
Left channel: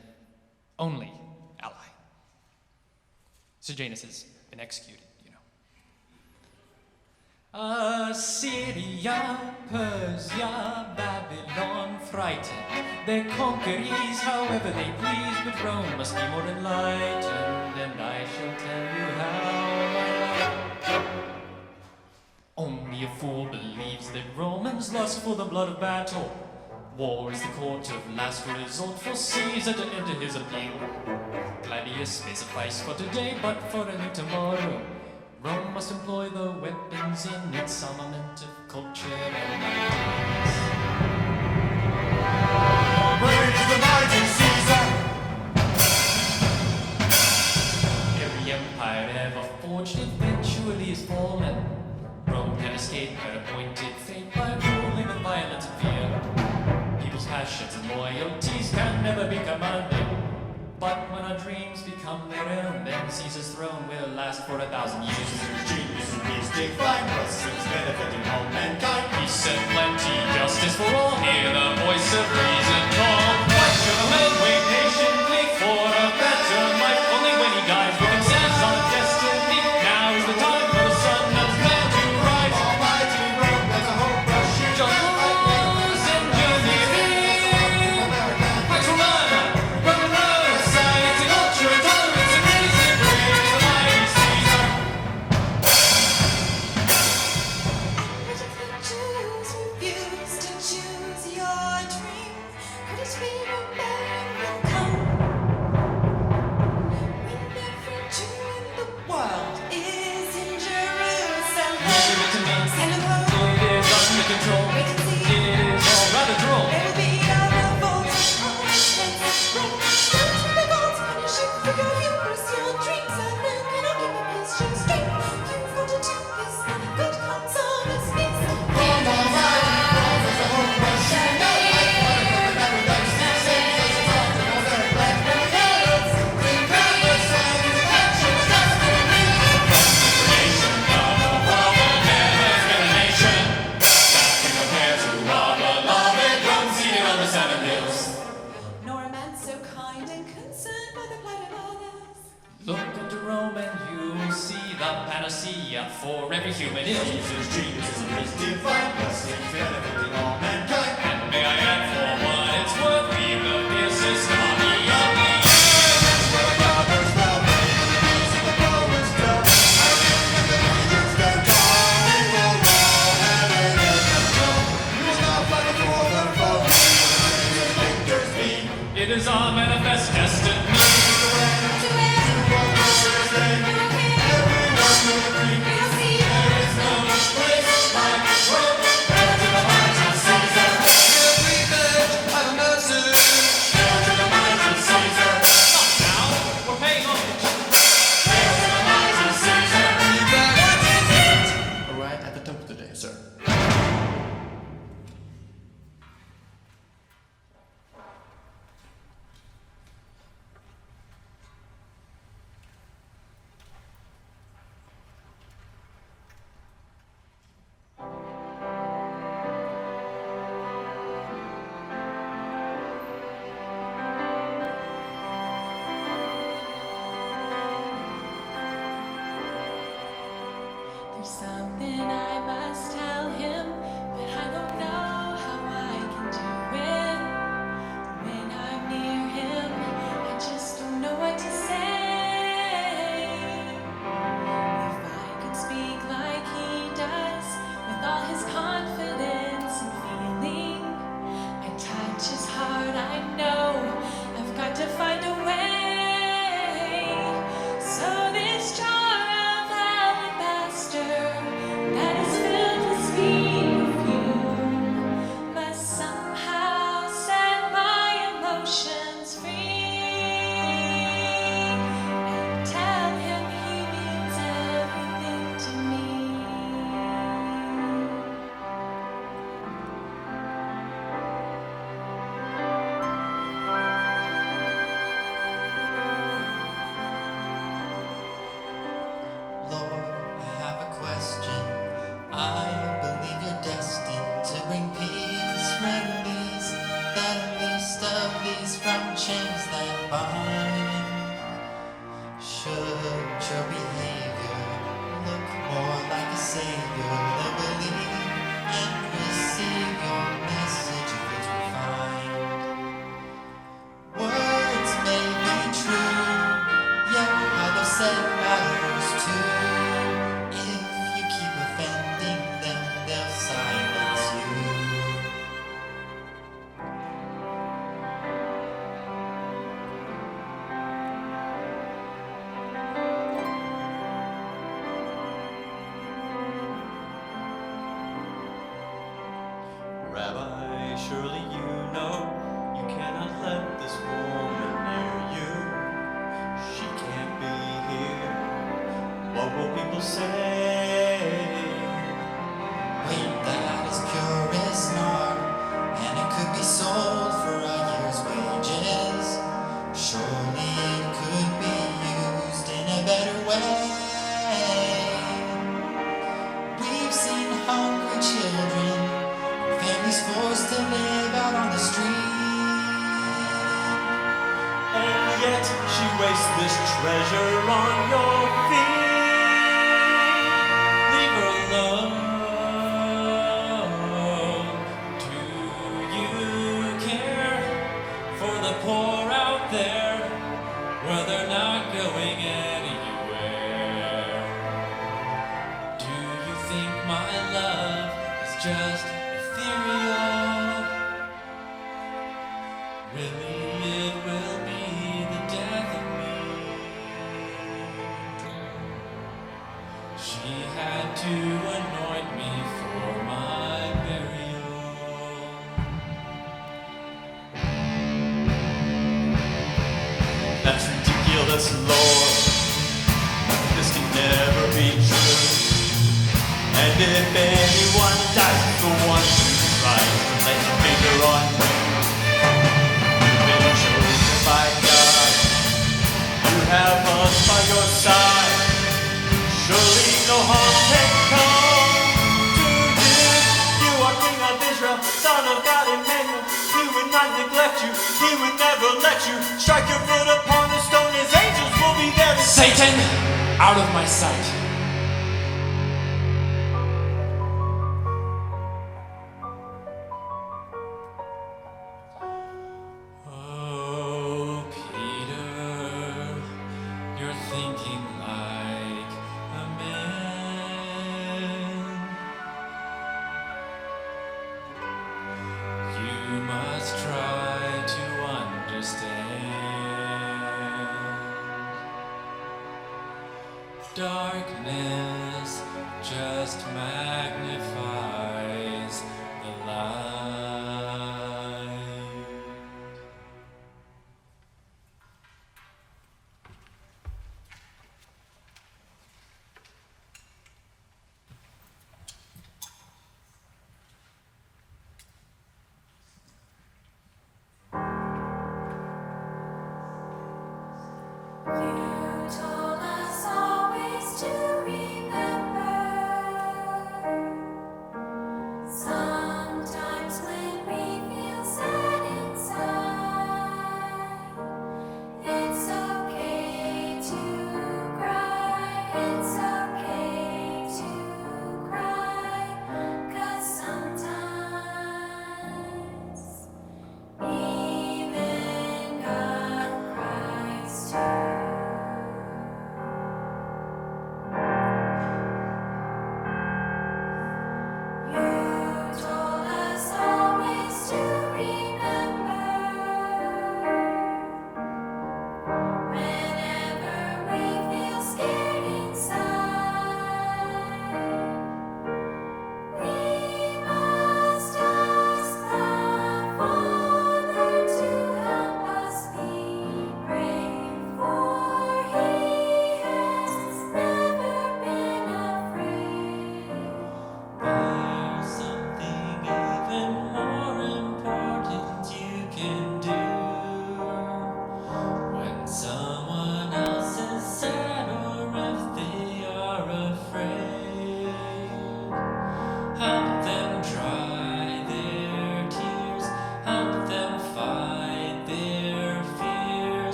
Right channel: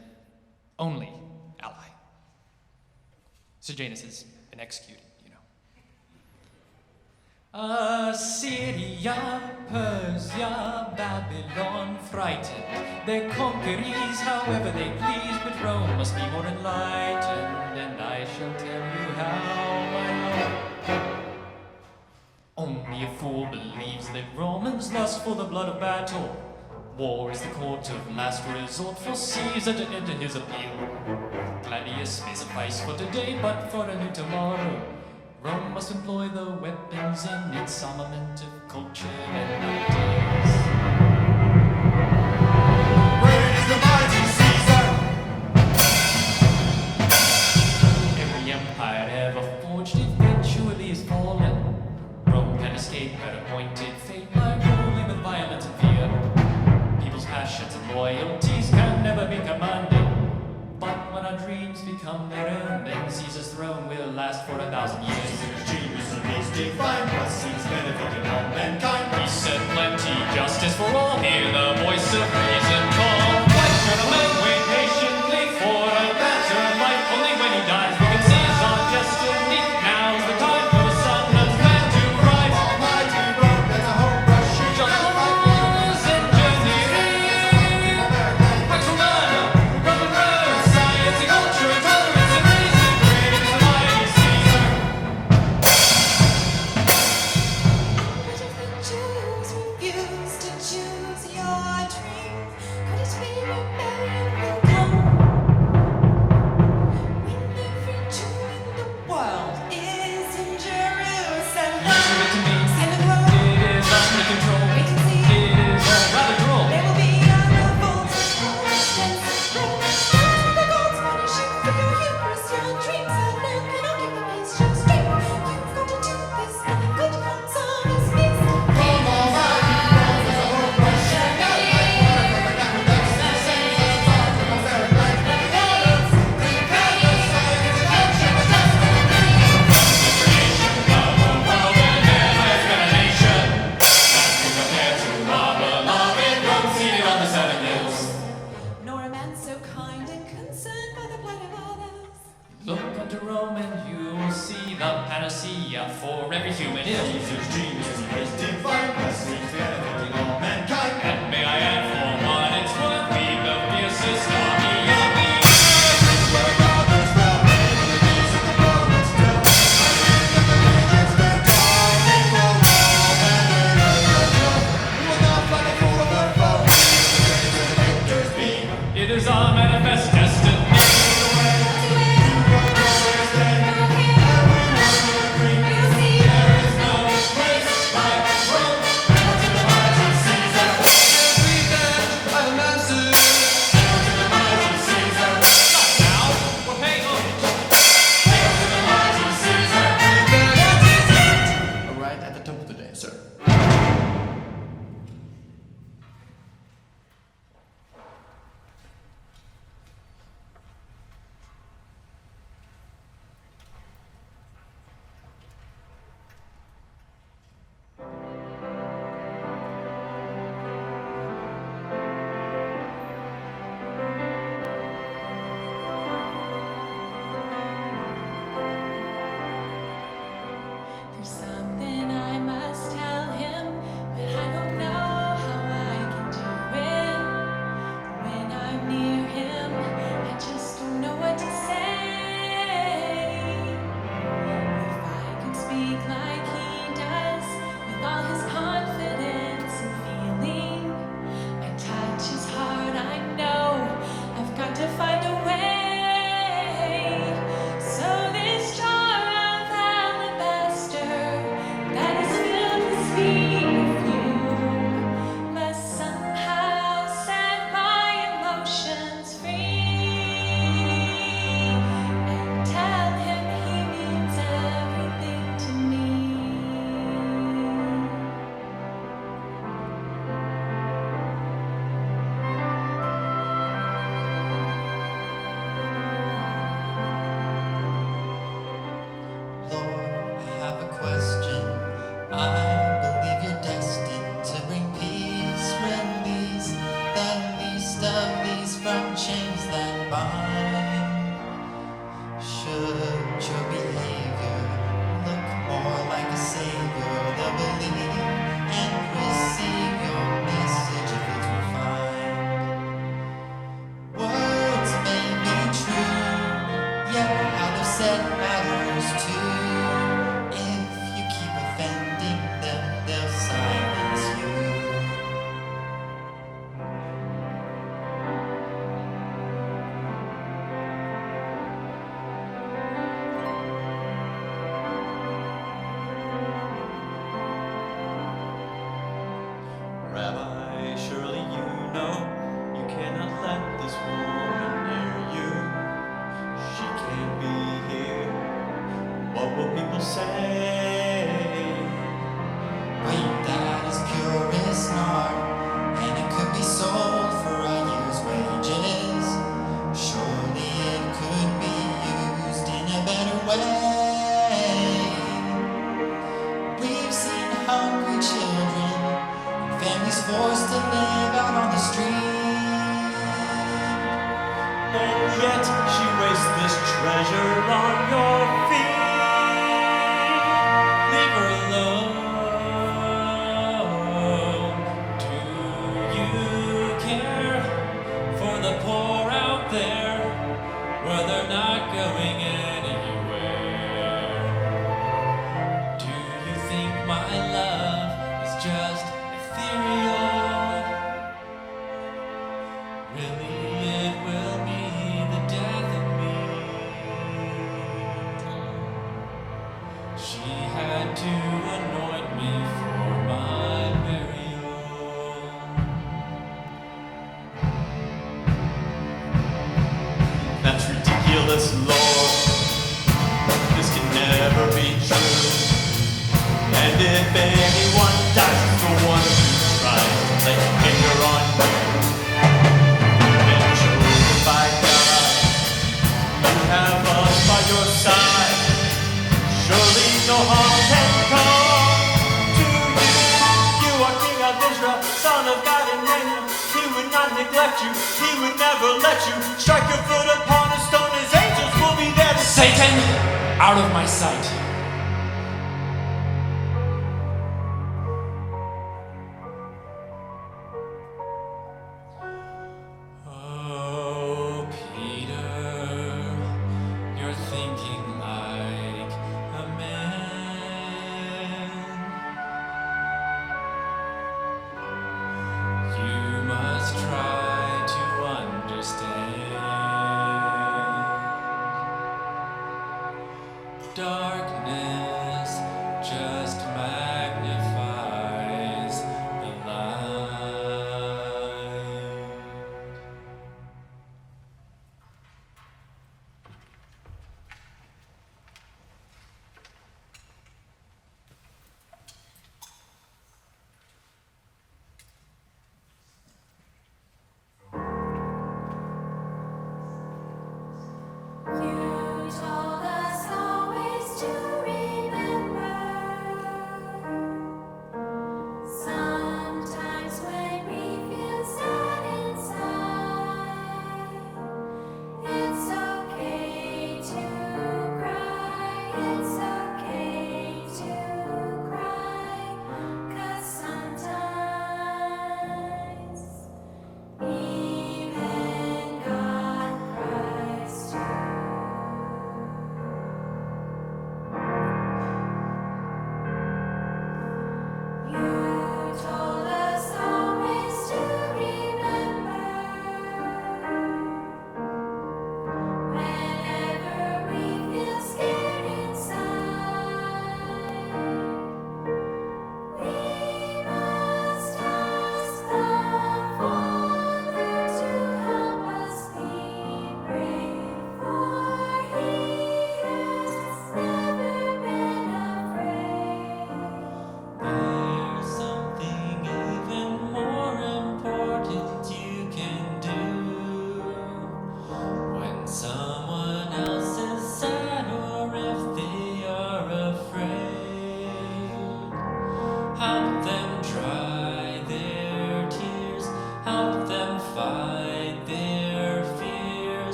only ally. Sejanus has been executed, you know. Assyria, Persia, Babylon, frightened. Their conquerees, however they please, but Rome must be more enlightened, and I shall tell you how, my love. Only a fool believes that Romans lust for the blood of battle. War is the court of last resort for Caesar to enter his appeal. Gladius may suffice for today, but for a new tomorrow, Rome must employ the weapons in its armament of culture and ideas. Great is the mighty Caesar! Every empire ever forged eventually is fallen. Rome can escape her appointed fate by ruling with violence and fear. People's passions and loyalties can never be commanded. But when our dreams become their own, then Caesar's throne will last for 1,000 years. Caesar's genius and his divine blessings benefiting all mankind. He said plenty, justice for all, hear the voice of reason call. Why should a man wait patiently for a better life? Only when he dies we can seize our destiny. Now is the time for the sun and man to rise. Almighty Rome, there's a hope rushing Just laws engineering, Pax Romana, Roman roads, science and culture and tolerance and reason. Great is the mighty Caesar. And what if the Jews refuse to choose your dream? Could it be rebellion will come? When every Jew in the world is in Jerusalem. Leave it to me. And the road, It is under control. wait and see. It is all rather droll. There will be a revolt of against Rome. Don't let the gods punish you for your hubris. Your dreams alone cannot keep the pace. Just straight. You've got to do this. Nothing good comes of this peace. From Almighty Rome, there's a hope rushing out like water from an aqueduct. Sends us on to no very glad to be honest. Bring back the science and culture and destiny. From the creation of the world, there never has been a nation that can compare to our beloved Rome, seated on the 7 hills. Nor a man so kind and concerned by the plight of others. Look unto Rome and you will see the panacea for every human ill. Caesar's genius and his divine blessings benefiting all mankind. And may I add, for what it's worth, we've the fiercest army on the earth. Prince where brothers fell, brave on the knees of the Romans tell. I think that the legions stand army for all heaven, earth, and hell. We will not fly before the foe. We will the saviors and victors be. It is our manifest destiny. Lead the way To where to our glorious day. we will care. Everyone will agree. We will see. There is no place like Rome. Hail to the mighty Caesar. Every badge I've a message. Hail to the mighty Caesar. Not now, we're paying homage. Hail to the mighty Caesar. Every badge. What is it? A riot at the temple today, sir. There's something I must tell him, but I don't know how I can do it. When I'm speak like he does, with all his confidence and feeling. I touch his heart, I know I've got to find a way. So this jar of alabaster that is filled with sweet perfume must somehow set my emotions free and tell him he means everything to me. Lord, I have a question. I believe you're destined to bring peace, release the least of these from chains that bind. Should your behavior look more like a savior, they'll believe and receive your message if it's refined. Words may be true, yet how they're said matters too. If you keep offending them, they'll silence you. Rabbi, surely you know you cannot let this woman near you. She can't be here. What will people say? Wait, that is purest nard, and it could be sold for a year's wages. Surely it could be used in a better way. We've seen hungry children and families forced to live out on the street. And yet she wastes this treasure on your feet. Leave her alone. Do you care for the poor out there? Well, they're not going anywhere. Do you think my love is just ethereal? Really, it will be the death of me. She had to anoint me for my burial. That's ridiculous, Lord. This can never be true. And if anyone dies, it's the one who tries to lay a finger on you. You've been chosen by God. You have us by your side. Surely no harm can come to you. You are King of Israel, Son of God, Emmanuel. He would not neglect you. He would never let you strike your foot upon a stone. His angels will be there to Satan, out of my sight. Oh, Peter, you're thinking like a man. You must try to understand. Darkness just magnifies the light. You told us always to remember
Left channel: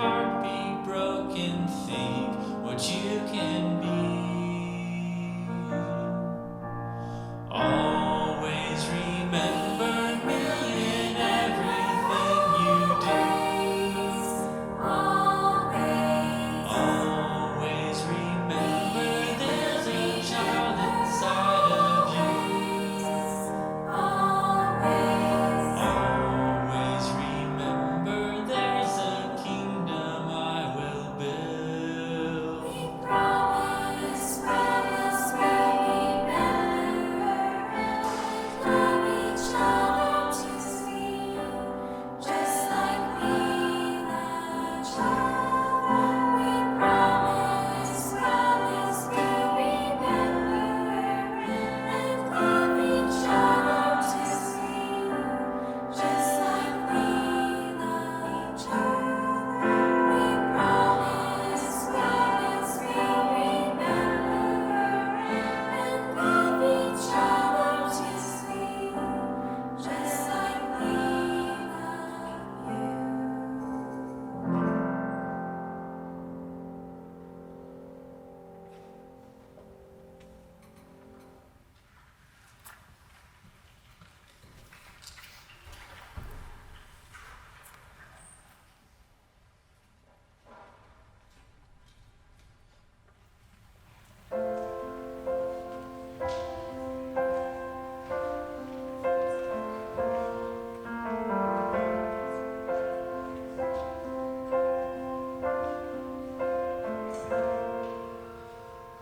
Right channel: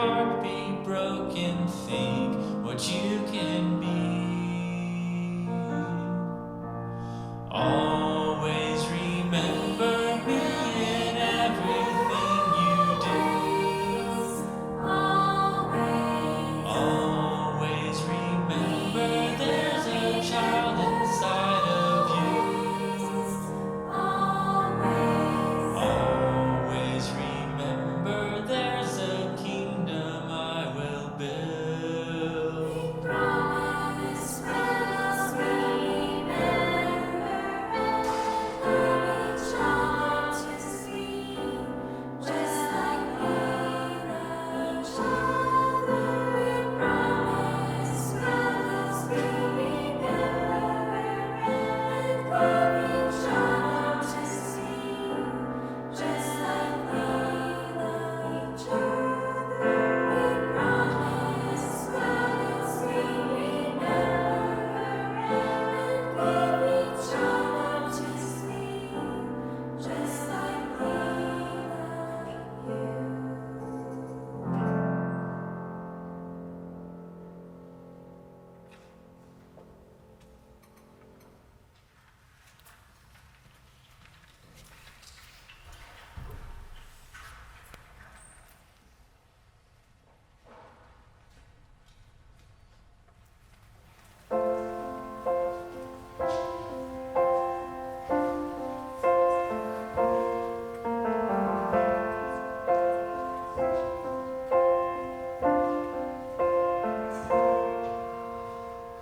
heart be broken, think what you can be. Always remember me in everything you do. Always remember there's a child inside of you. Always remember there's a kingdom I will build. Promise, promise, remember and love each other to see, just like we love each other. We promise, promise, we'll remember and love each other to see, just like we love each other. We promise, promise, we'll remember and love each other to see, just like we love you.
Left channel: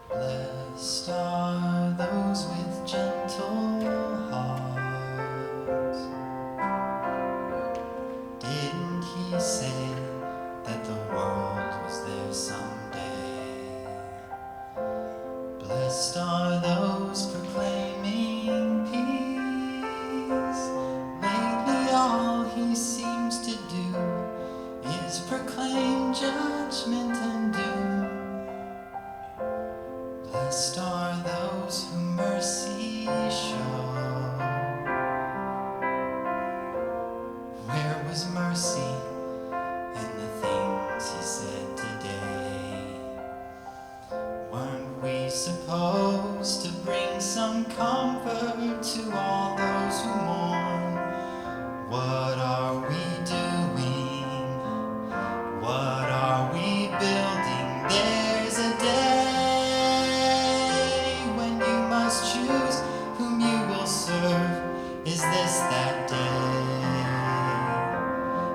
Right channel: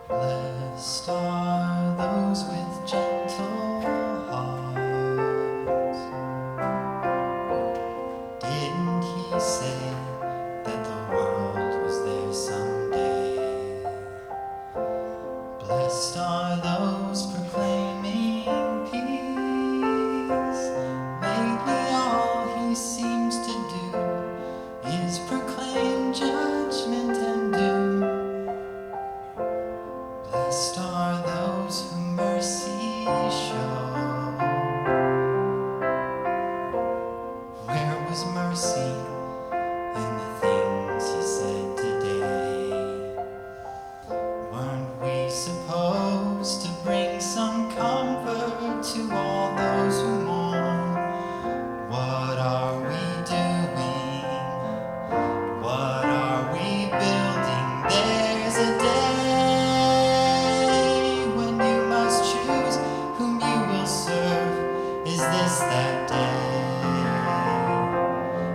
Blessed are those with gentle hearts. Didn't he say that the world was there someday? Blessed are those proclaiming peace. Lately all he seems to do is proclaim judgment and doom. Blessed are those who mercy show. Where was mercy in the things he said today? Weren't we supposed to bring some comfort to all those who mourn? What are we doing? What are we building? There's a day when you must choose whom you will serve. Is this that day?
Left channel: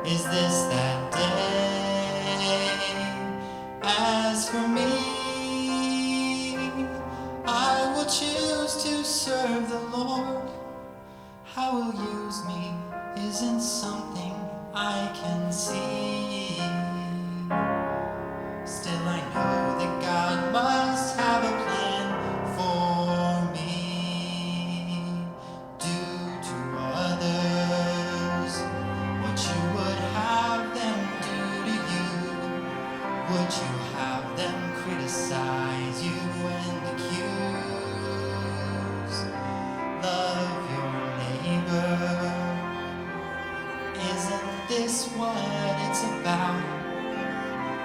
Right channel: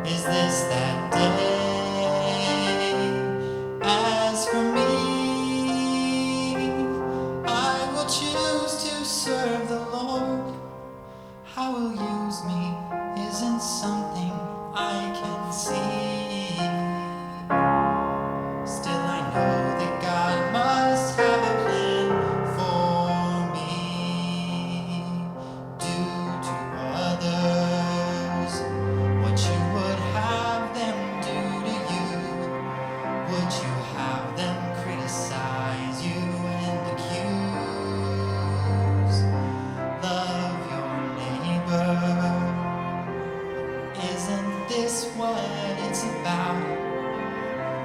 Is this that day? As for me, I will choose to serve the Lord. How he'll use me isn't something I can see. Still I know that God must have a plan for me. Do to others what you would have them do to you. Would you have them criticize you and accuse? Love your neighbor. Isn't this what it's about?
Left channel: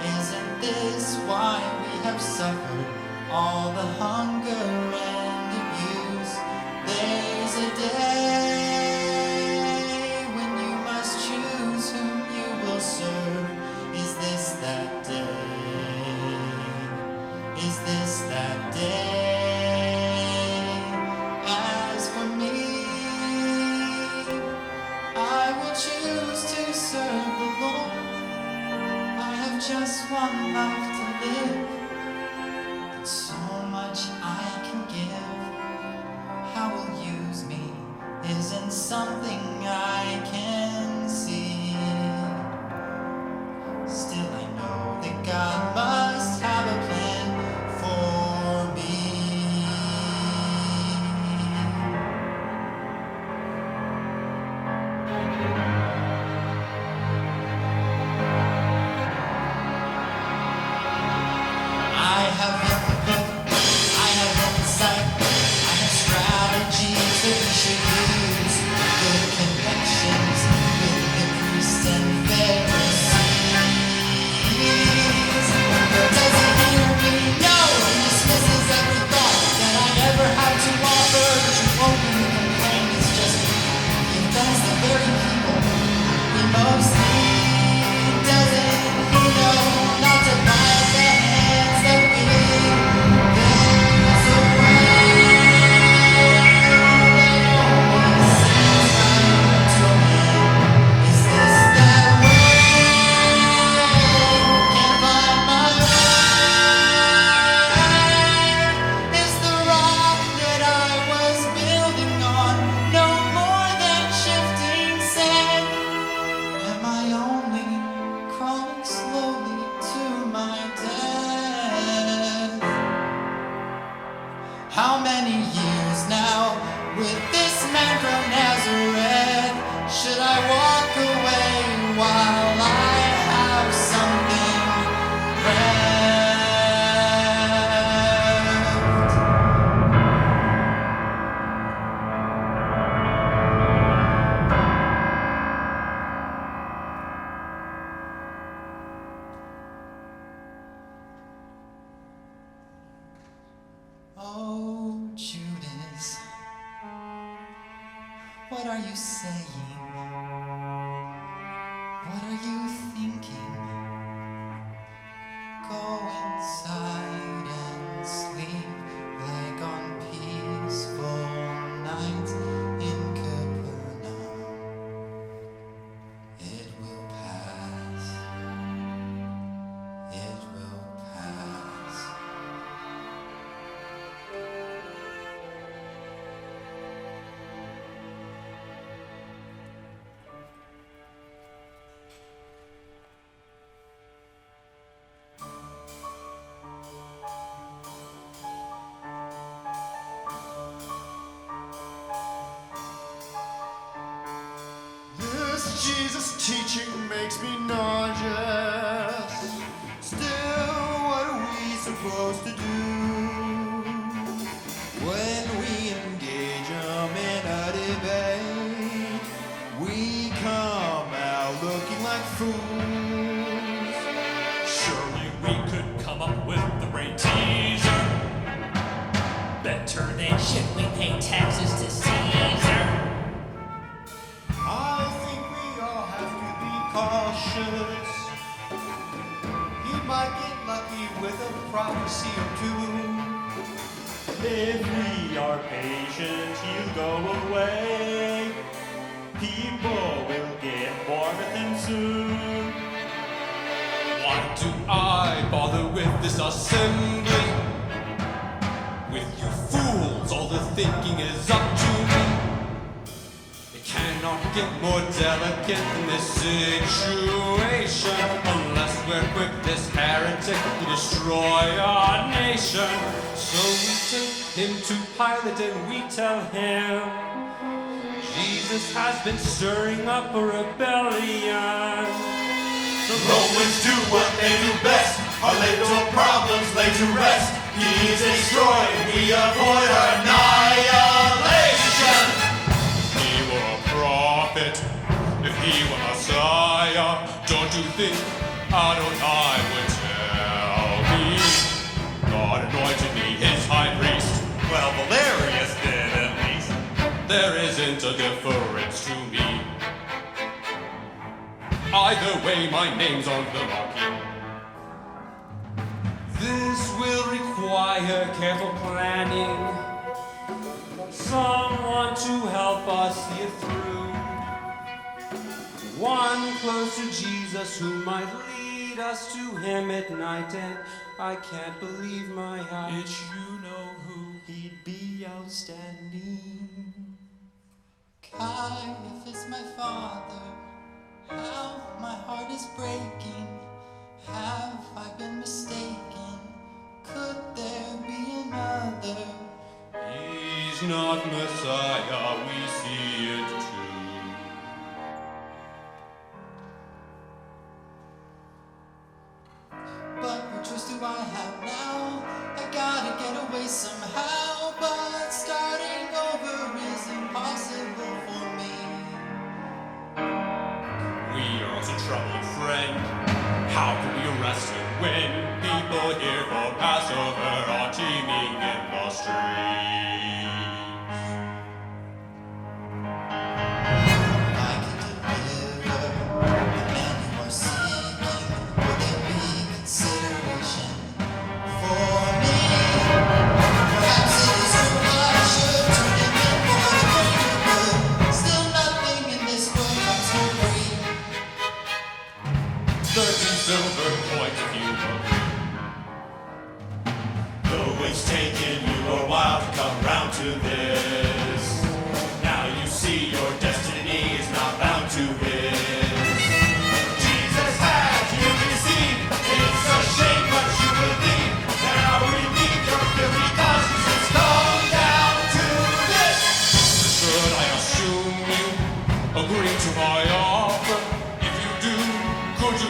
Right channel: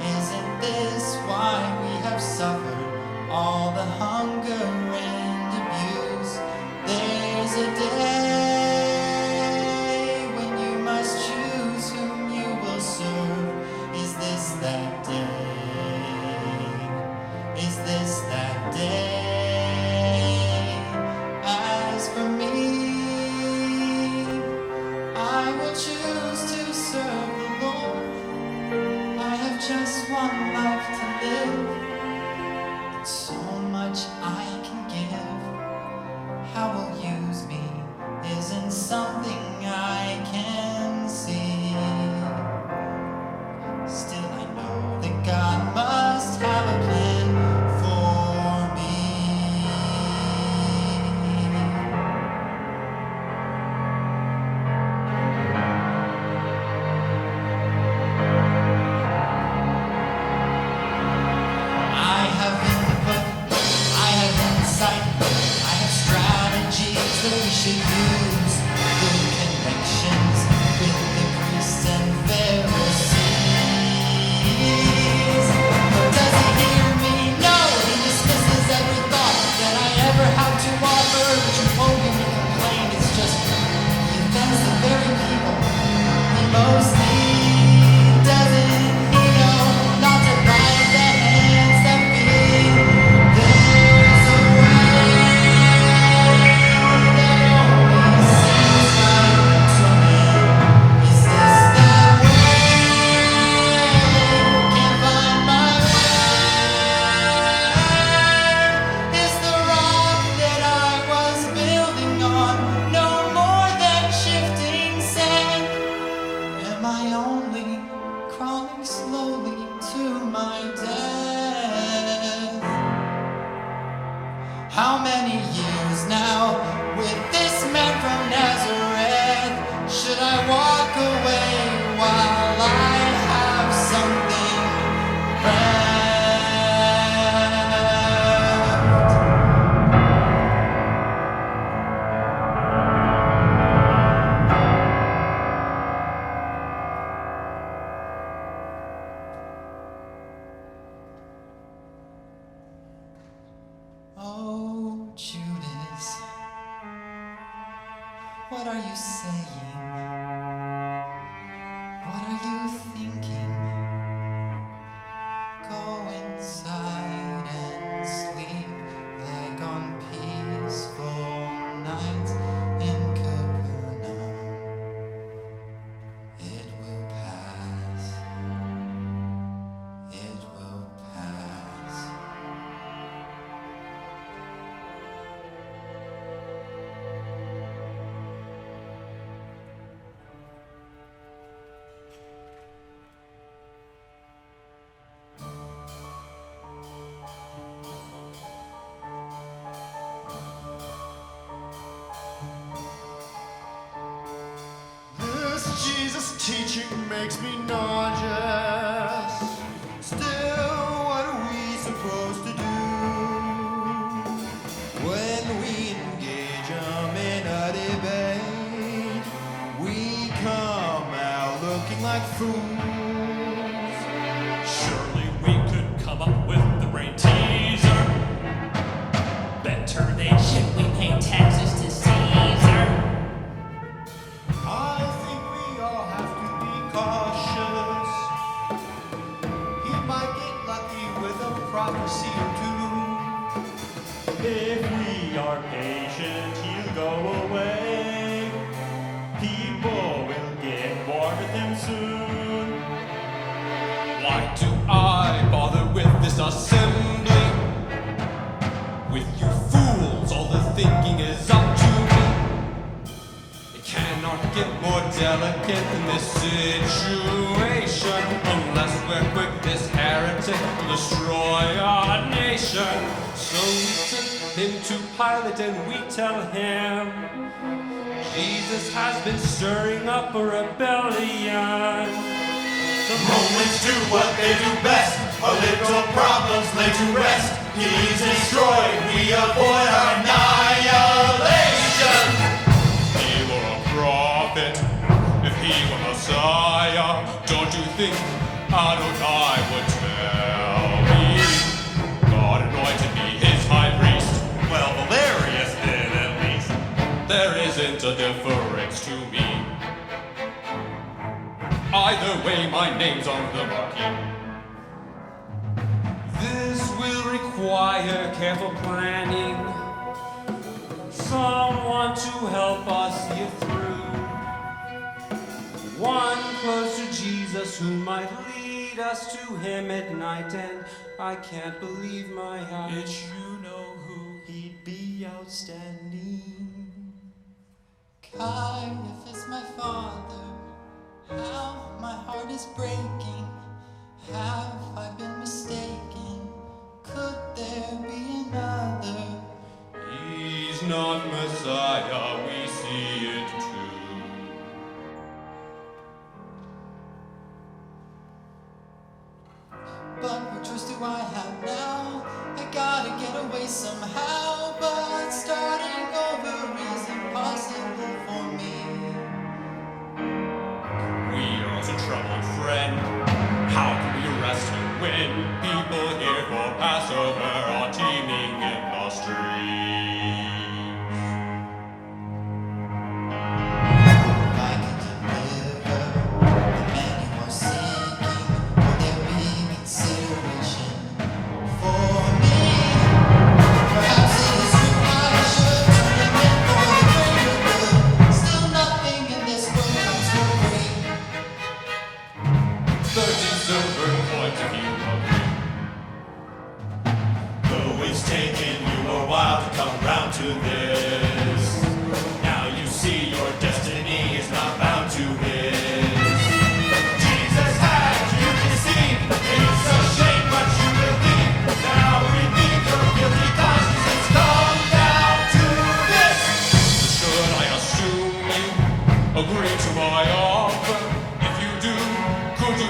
Isn't this why we have suffered all the hunger and abuse? There's a day when you must choose whom you will serve. Is this that day? Is this that day? As for me, I will choose to serve the Lord. I have just one life to live, and so much I can give. How he'll use me isn't something I can see. Still I know that God must have a plan for me. my death. How many years now with this man from Nazareth? Should I walk away while I have something left? Oh, Judas, what are you saying? What are you thinking? Go inside and sleep like on peaceful nights in Capernaum. It will pass. It will pass. This Jesus teaching makes me nauseous. Still, what are we supposed to do when we engage him in a debate? We come out looking like fools. Surely we could come up with the brain teaser. Better than should we pay taxes to Caesar? I think we all have to be cautious. He might get lucky with a prophecy or two. If we are patient, he'll go away. People will get bored with him soon. Why do I bother with this assembly? With you fools, all the thinking is up to me. It cannot get more delicate than this situation. Unless we're quick, this heretic will destroy our nation. So we take him to Pilate and we tell him Jesus has been stirring up a rebellion. The Romans do what they do best. Our little problems lay to rest. He's destroyed, we avoid our annihilation. If he were a prophet, if he were Messiah, don't you think Adonai would tell me? God anointed me his high priest. Well, Valerius did at least. There isn't a difference to me. Either way, my name's on the marquee. This will require careful planning. Someone to help us see it through. One close to Jesus who might lead us to him at night. And I can't believe my eyes. Did you know who he'd be outstanding? Caiaphas, my father, how my heart is breaking. Have I been mistaken? Could there be another? He's not Messiah, we see it too. But what choice do I have now? I gotta get away somehow. But starting over is impossible for me. We are also troubled, friend. How can we arrest him when people here for Passover are teeming in the streets? If I could deliver the man you are seeking, would there be consideration for me? Perhaps it is true I should turn him in for the greater good. Still nothing in this world comes for free. 30 silver coins if you agree. Though it's taken you a while to come round to this, now you see your destiny is not bound to his. Jesus has you deceived, it's a shame.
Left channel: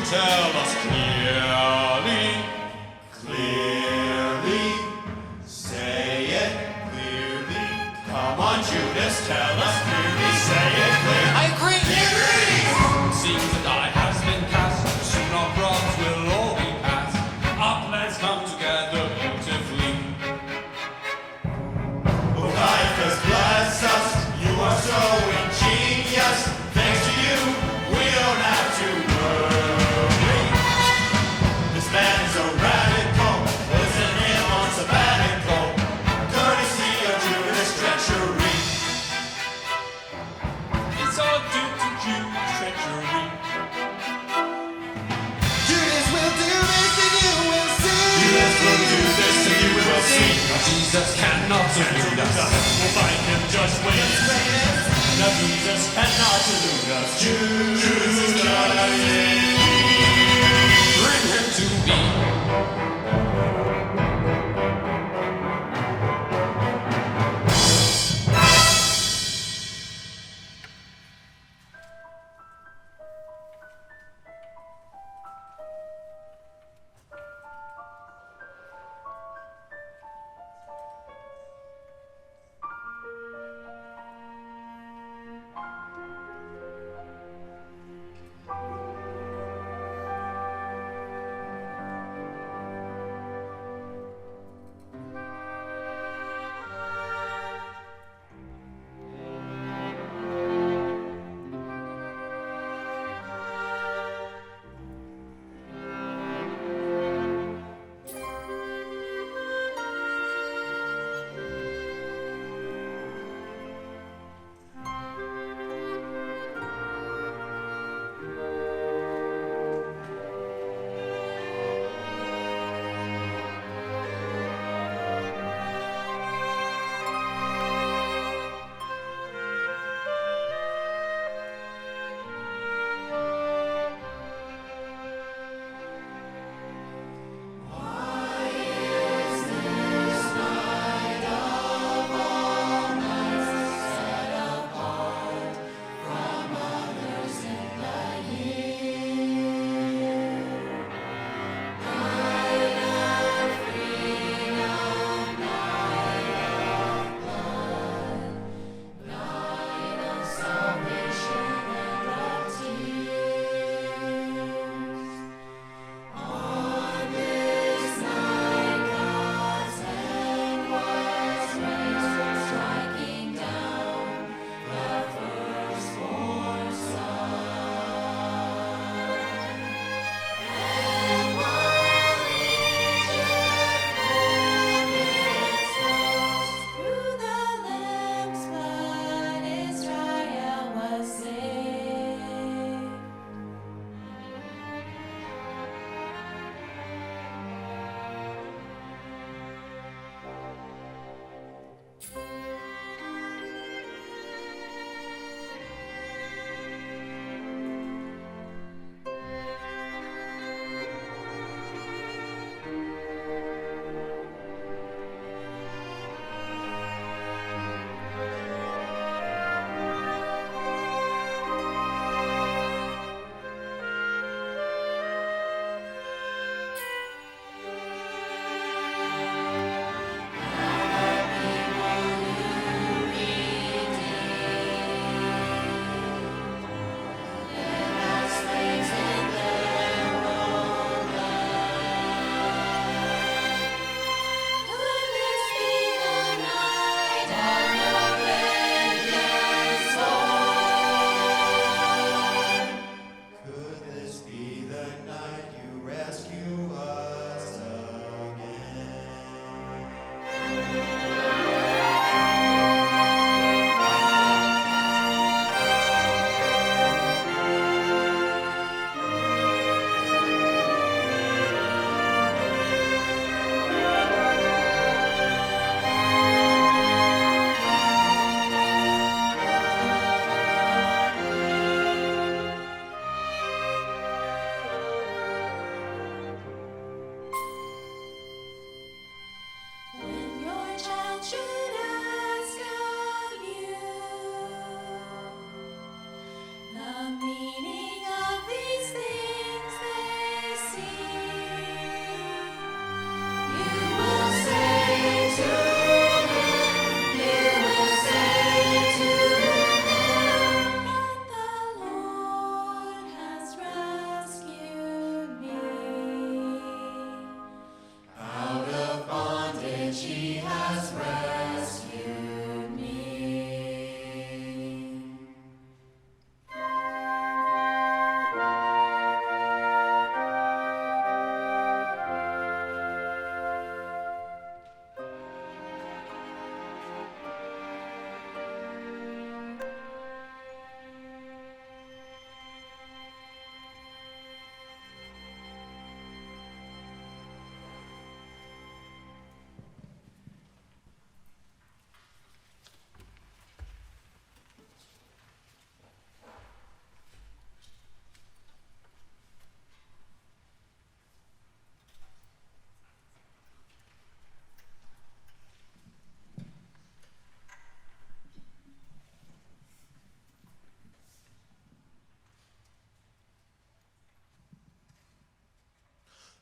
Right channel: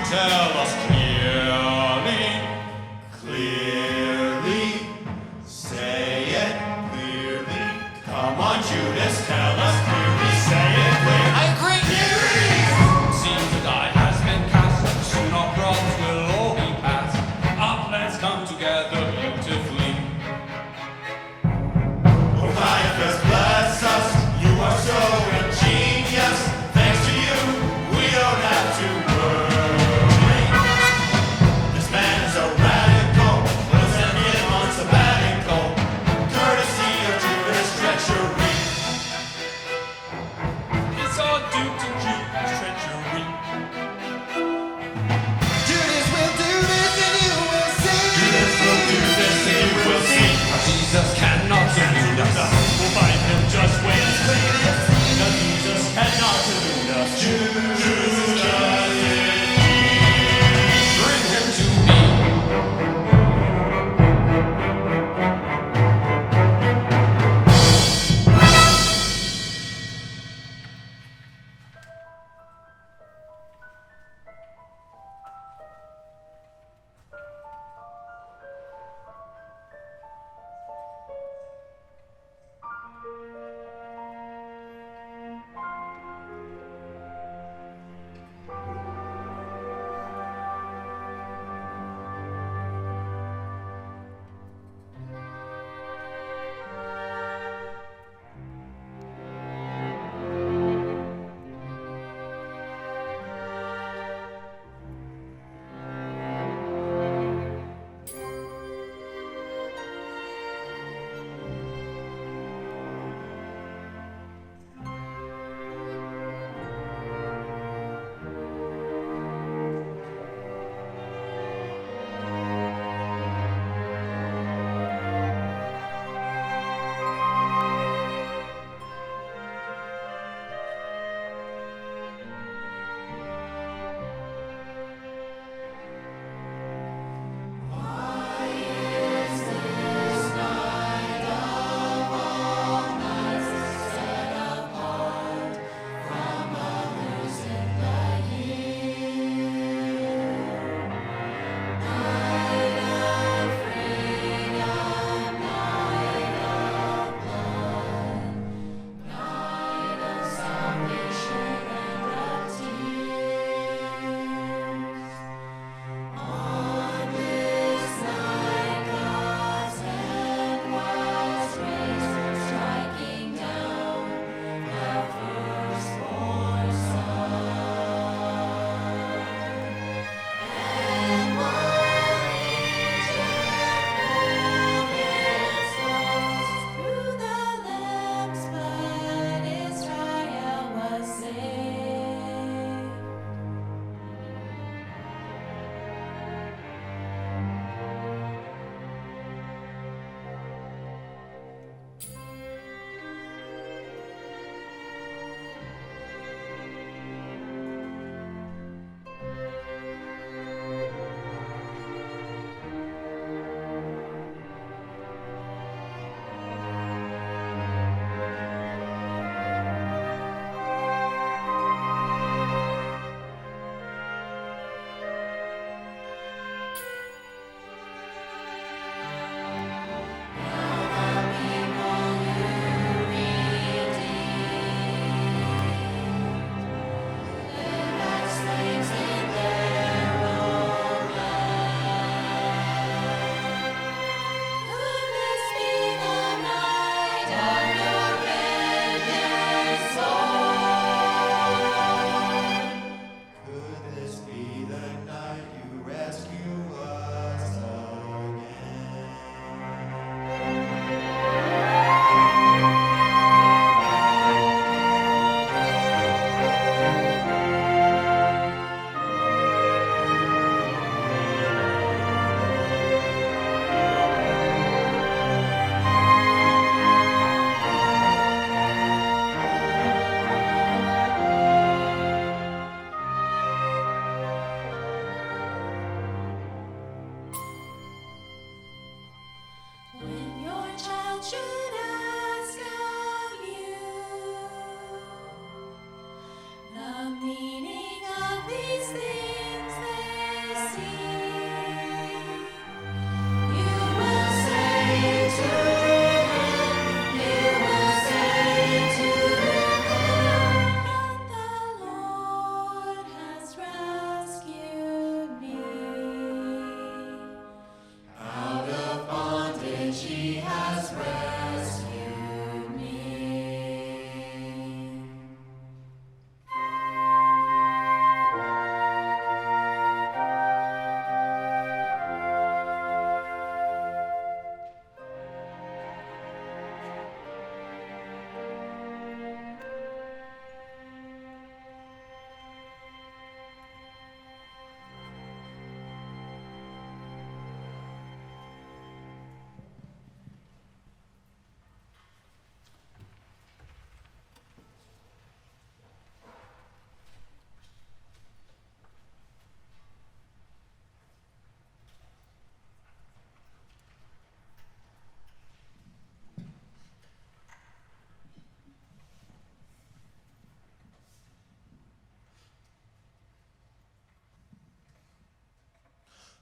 tell us clearly. Clearly, say it clearly. Come on, Judas, tell us clearly. Say it clear. I agree. He agrees. Seems the die has been cast, soon our problems will all be past. Our plans come together beautifully. Oh, Caiaphas, bless us. You are so ingenious. Thanks to you, we don't have to worry. This man is a radical. Listen him on sabbatical. Courtesy of Judas treachery. It's all due to Jewish treachery. Judas will do this and you will see. Judas will do this and you will see. Now Jesus cannot Cancel elude the us. We'll find him, just wait and see. Now Jesus cannot elude us. Judas is Bring him to me.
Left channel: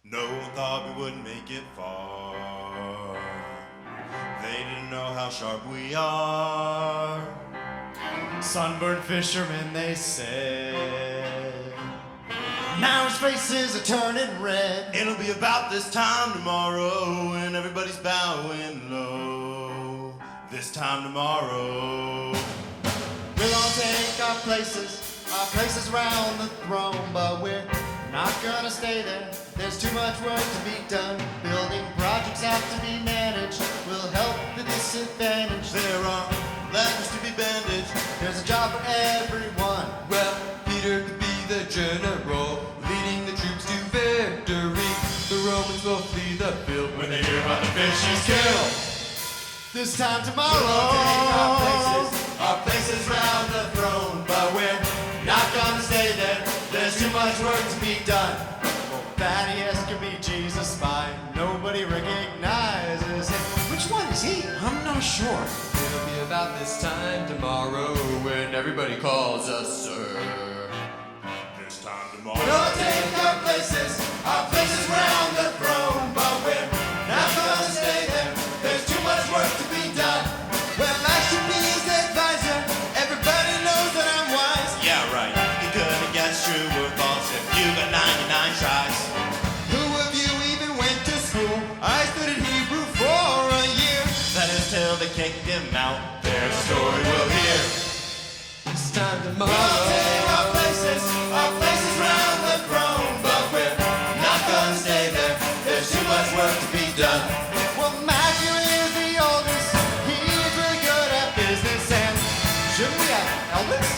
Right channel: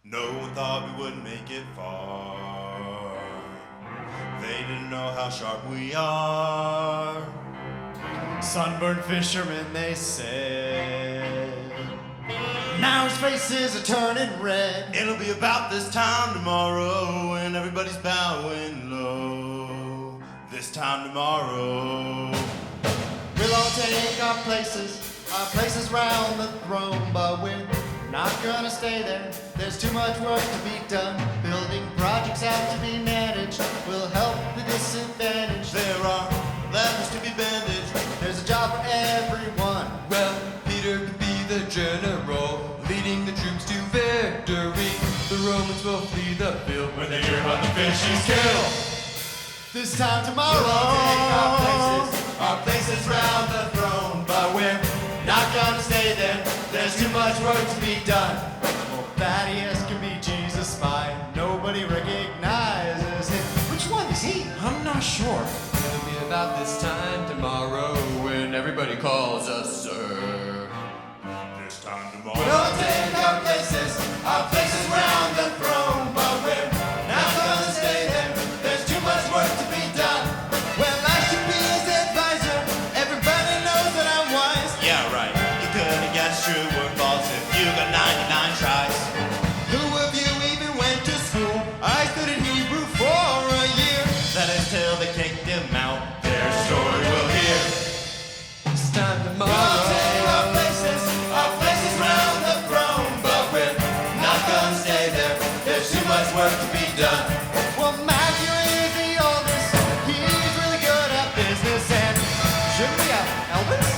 No one thought we wouldn't make it far. They didn't know how sharp we are. Sunburned fishermen, they said. Now his faces are turning red. It'll be about this time tomorrow when everybody's bowing low. This time tomorrow. We'll all take our places round the throne, but we're not gonna stay there. There's too much work to be done. Building projects have to be managed. We'll help the disadvantaged. There are lepers to be bandaged. There's a job for everyone. Well, Peter could be the general, leading the troops to victory. The Romans will flee the field when they hear about the fish he's killed. This time tomorrow, We'll all take our places round the throne, but we're not gonna stay there. There's too much work to be done. Well, Thaddeus can be Jesus' spy. Nobody recognizes him. Which one is he? I'm not sure. It'll be about this time tomorrow when everybody calls us sir. this time tomorrow. We'll all take our places round the throne, but we're not gonna stay there. There's too much work to be done. Well, I should be his advisor. Everybody knows that I'm wise. Yeah, right. You couldn't guess true or false if you got 99 tries. Who of you even went to school? I studied Hebrew for a year. That is till they kicked him out. Their story we'll hear. This time tomorrow. We'll all take our places round the throne, but we're not gonna stay there. There's too much work to be done. Well, Matthew is the oldest. He's really good at business, and shouldn't we have elders?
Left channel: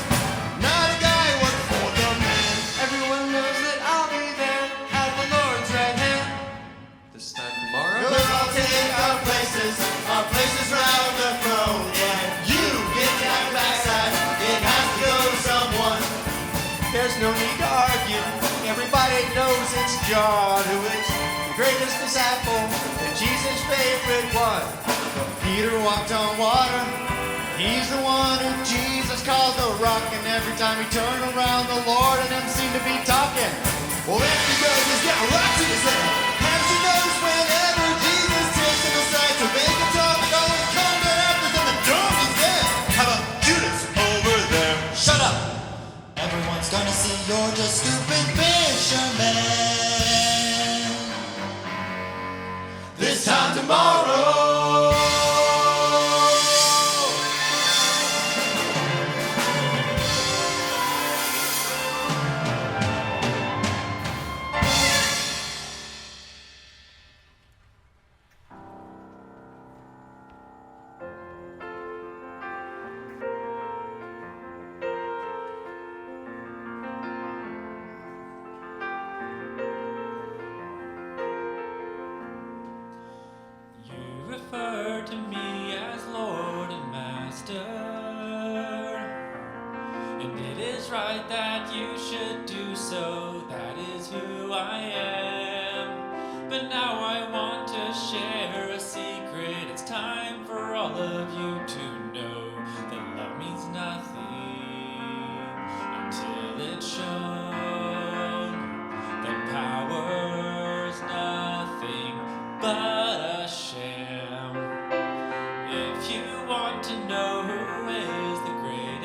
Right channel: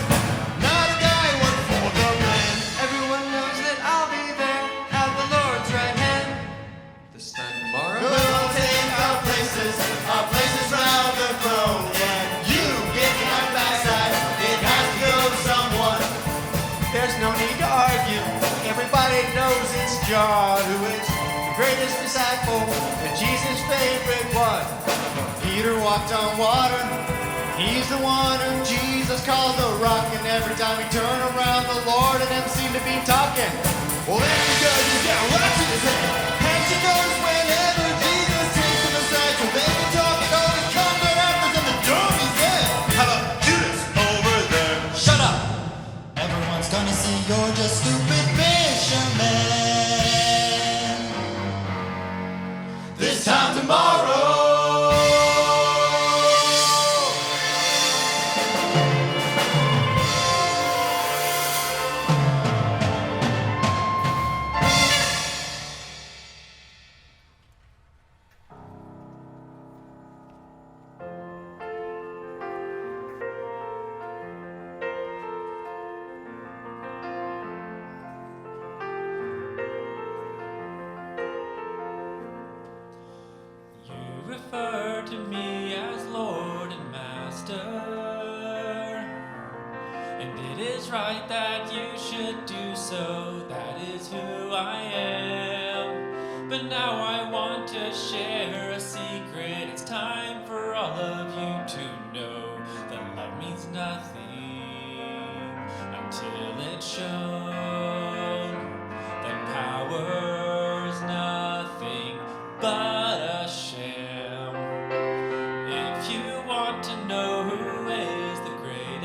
Not a guy who worked for the man. Everyone knows that I'll be there at the Lord's right hand. This time tomorrow. We'll all take our places round the throne, and you get down your backside. It has to go to someone. There's no need to argue. Everybody knows it's John who is the greatest disciple and Jesus' favorite one. But Peter walked on water. He's the one who Jesus calls the rock, and every time he turned around, the Lord and him seem to be talking. Well, that's because he's got rocks in his head. Haven't you noticed whenever Jesus takes him aside so they can talk, it always comes right after something dumb he said? How about Judas over there? Shut up! Everyone's gonna see you're just stupid fishermen. This time tomorrow. You refer to me as Lord and Master, and it is right that you should do so. That is who I am. But now I want to share a secret. It's time for all of you to know that love means nothing until it's shown. That power's nothing but a sham. If you want to know who is the greatest,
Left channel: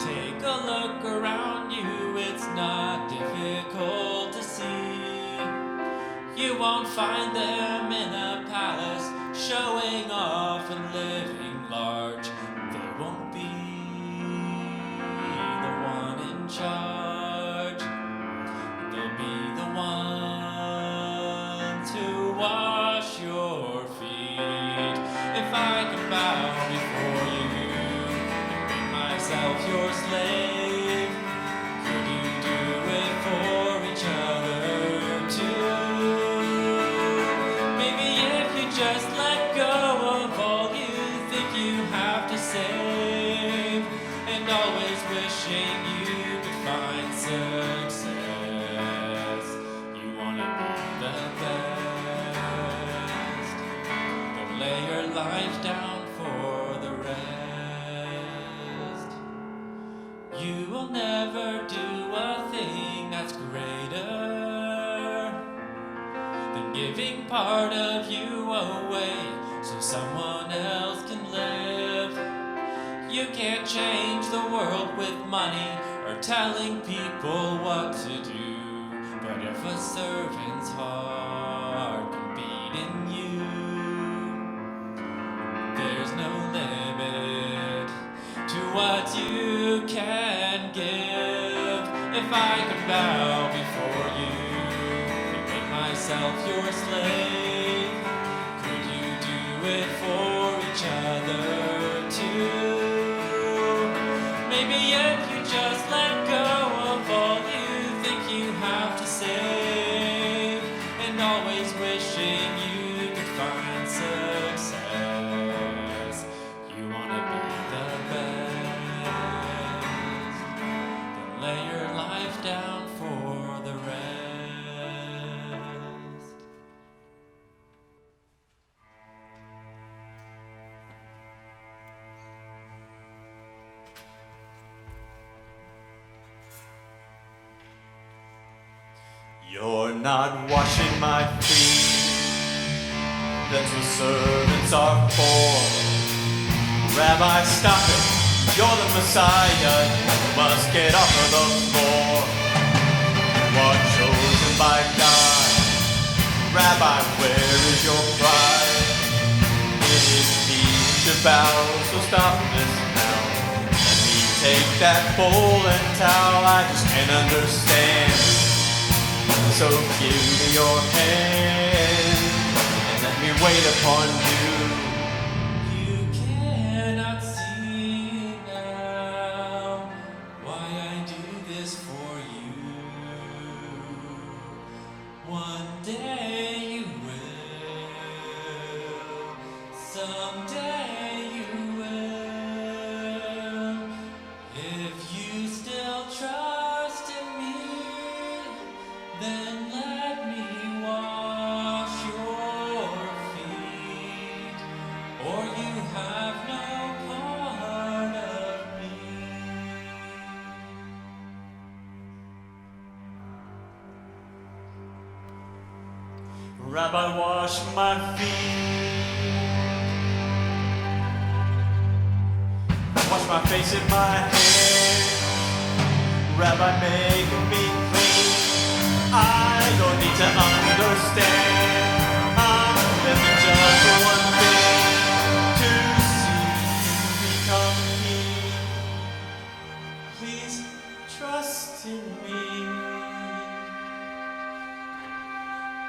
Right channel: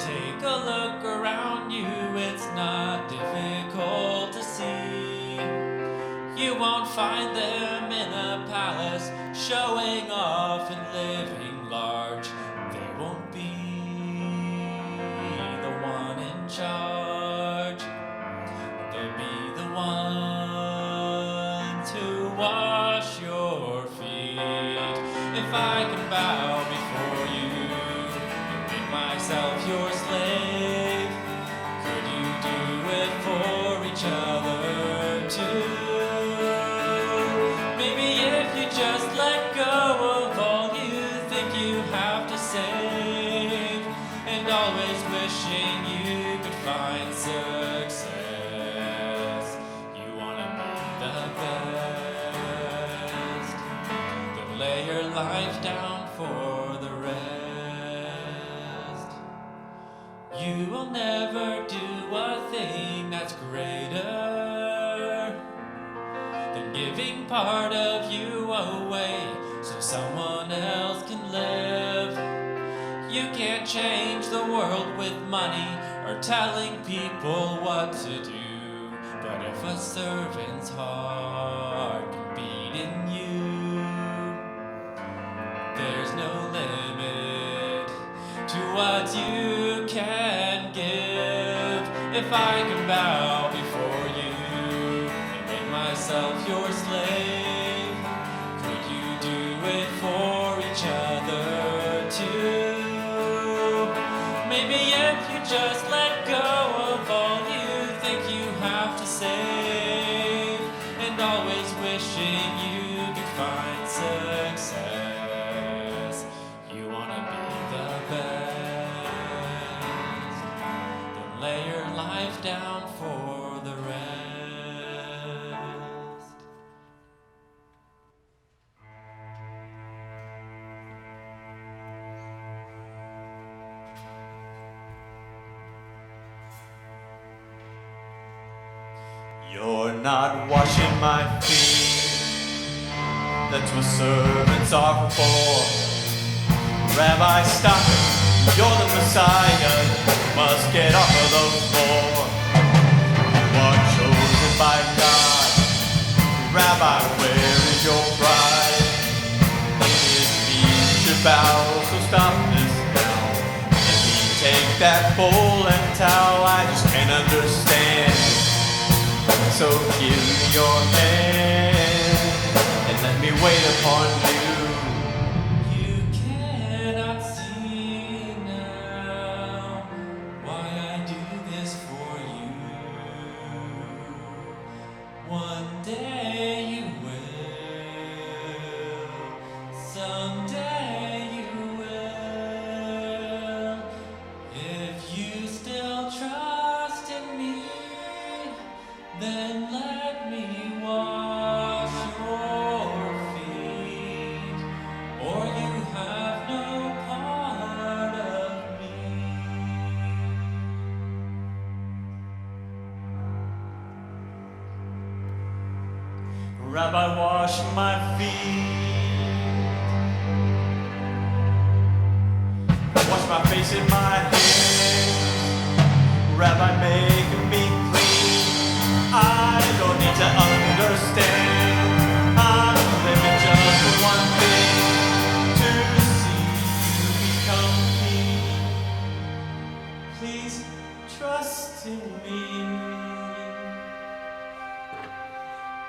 take a look around you. It's not difficult to see. You won't find them in a palace showing off and living large. They won't be the one in charge. They'll be the ones who wash your feet. If I can bow before you and make myself your slave, could you do it for each other too? Maybe if you just let go of all you think you have to save, and always wishing you could find success. You wanna be the best, then lay your life down for the rest. you will never do a thing that's greater than giving part of you away so someone else can live. You can't change the world with money or telling people what to do, but if a servant's heart can beat in you, there's no limit to what you can give. If I can bow before you and make myself your slave, could you do it for each other too? Maybe if you just let go of all you think you have to save, and always wishing you could find success. You wanna be the best, then lay your life down for the rest. You're not washing my feet. That's what servants are for. Rabbi, stop it. You're the Messiah. You must get off of the floor. You are chosen by God. Rabbi, where is your pride? It is me who should bow, so stop this now. Let me take that bowl and towel. I just can't understand. So give me your hand and let me wait upon you. You cannot see now why I do this for you. One day you will, someday you will. If you still trust in me, then let me wash your feet, or you have no part of me. Rabbi, wash my feet. Wash my face and my hands. Rabbi, make me clean. I don't need to understand. I'm living just for one thing, to see you become king. Please trust in me.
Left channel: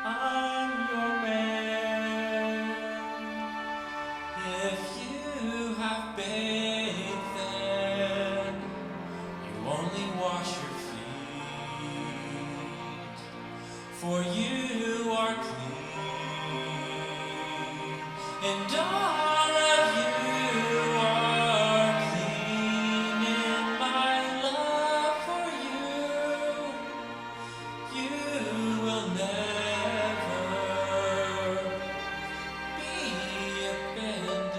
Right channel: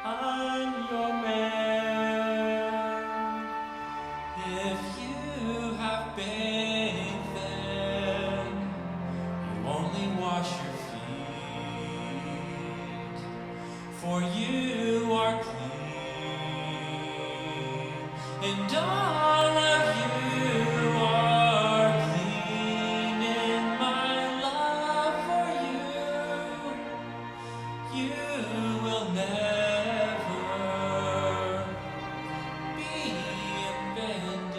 I'm your man. If you have bathed, then you only wash your feet, for you are clean, and all of you are clean in my love for you. You will never be abandoned,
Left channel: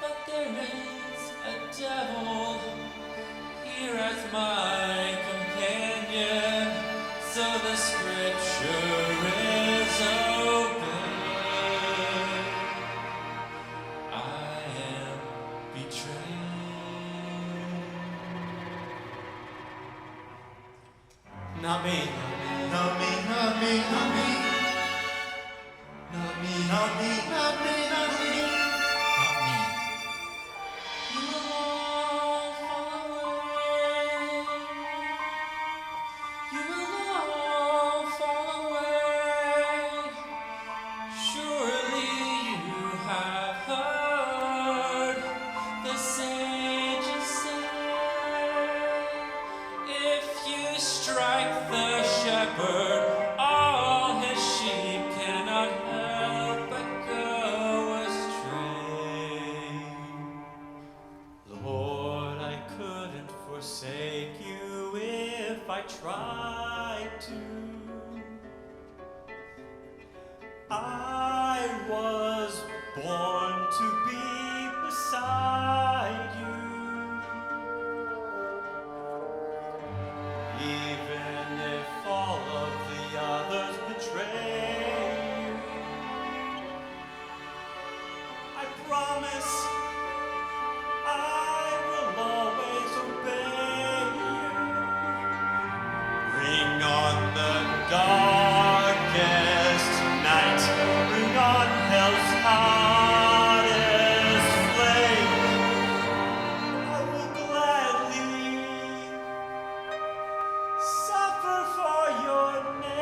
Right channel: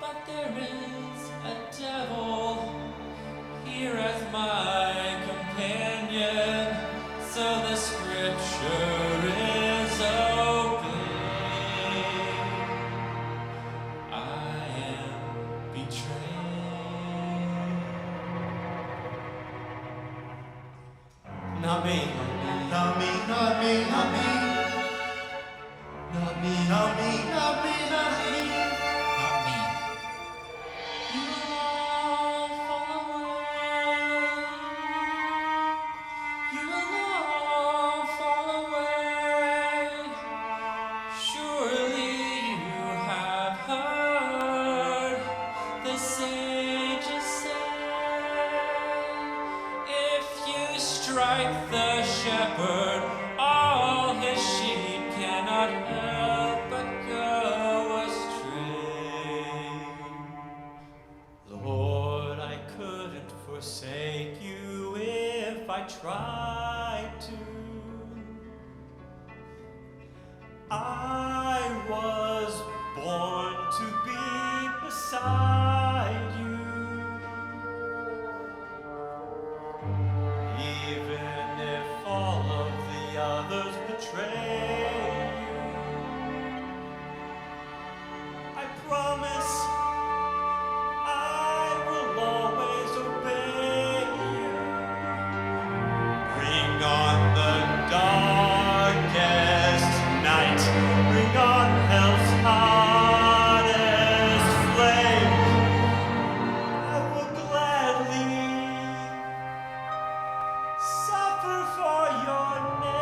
but there is a devil here as my companion, so the scripture is open. I am betrayed. Not me. Not me, not me, not me. Not me, Not me, not me, not me. not me. You will all fall away. You will all fall away. Surely you have heard the sages say, if you strike the shepherd, all his sheep cannot help but go astray. Lord, I couldn't forsake you if I tried to. I was born to be beside you. betray you. I promise I will always obey you. Bring on the darkest night. Bring on hell's hottest flame. I will gladly suffer for your name.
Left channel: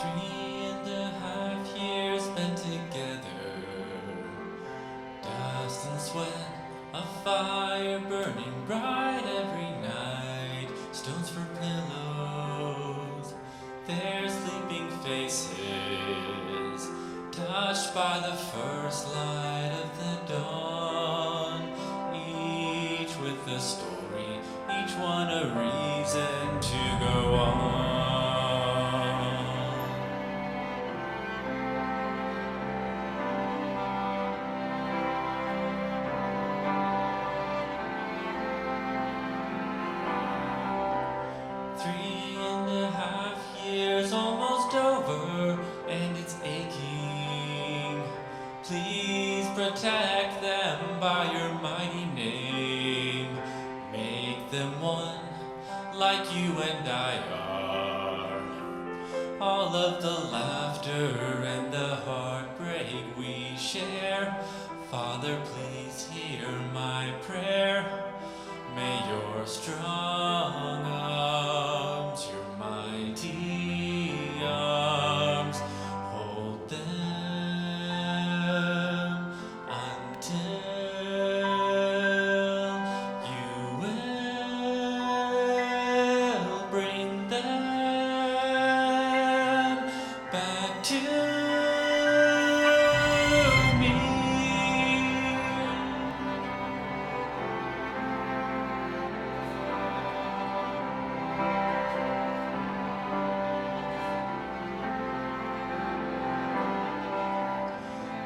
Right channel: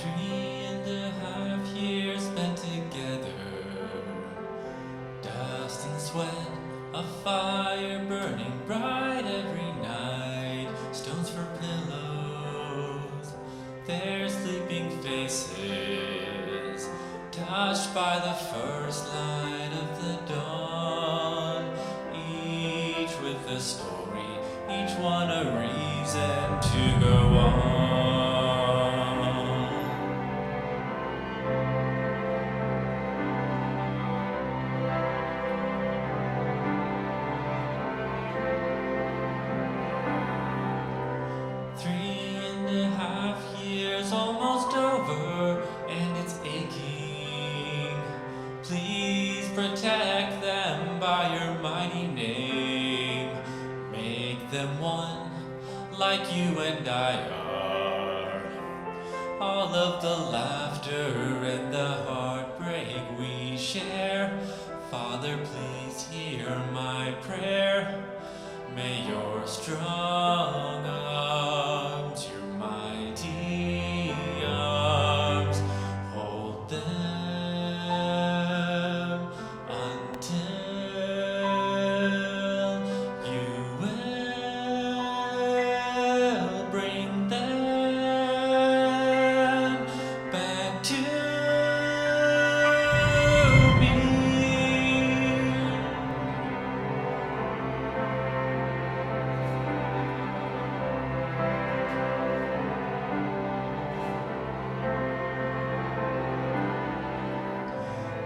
3.5 years spent together, dust and sweat, a fire burning bright every night, stones for pillows, their sleeping faces, touched by the first light of the dawn, each with a story, each one a reason to go on. 3.5 years almost over, and it's aching. Please protect them by your mighty name. Make them one like you and I are. All of the laughter and the heartbreak we share. Father, please hear my prayer. May your strong arms, your mighty arms, hold them until you will bring them back to me.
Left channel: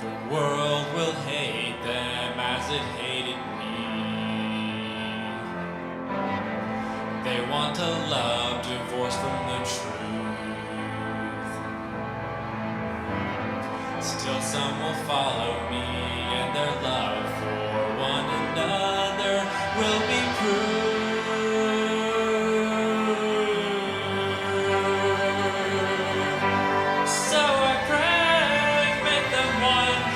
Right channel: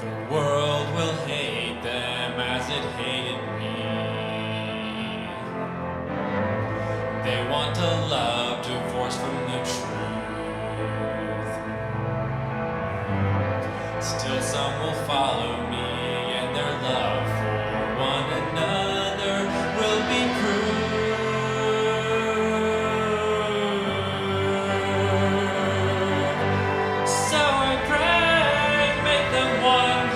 The world will hate them as it hated me. They want a love divorced from the truth. Still some will follow me, and their love for one another will be proved. So I pray, make them one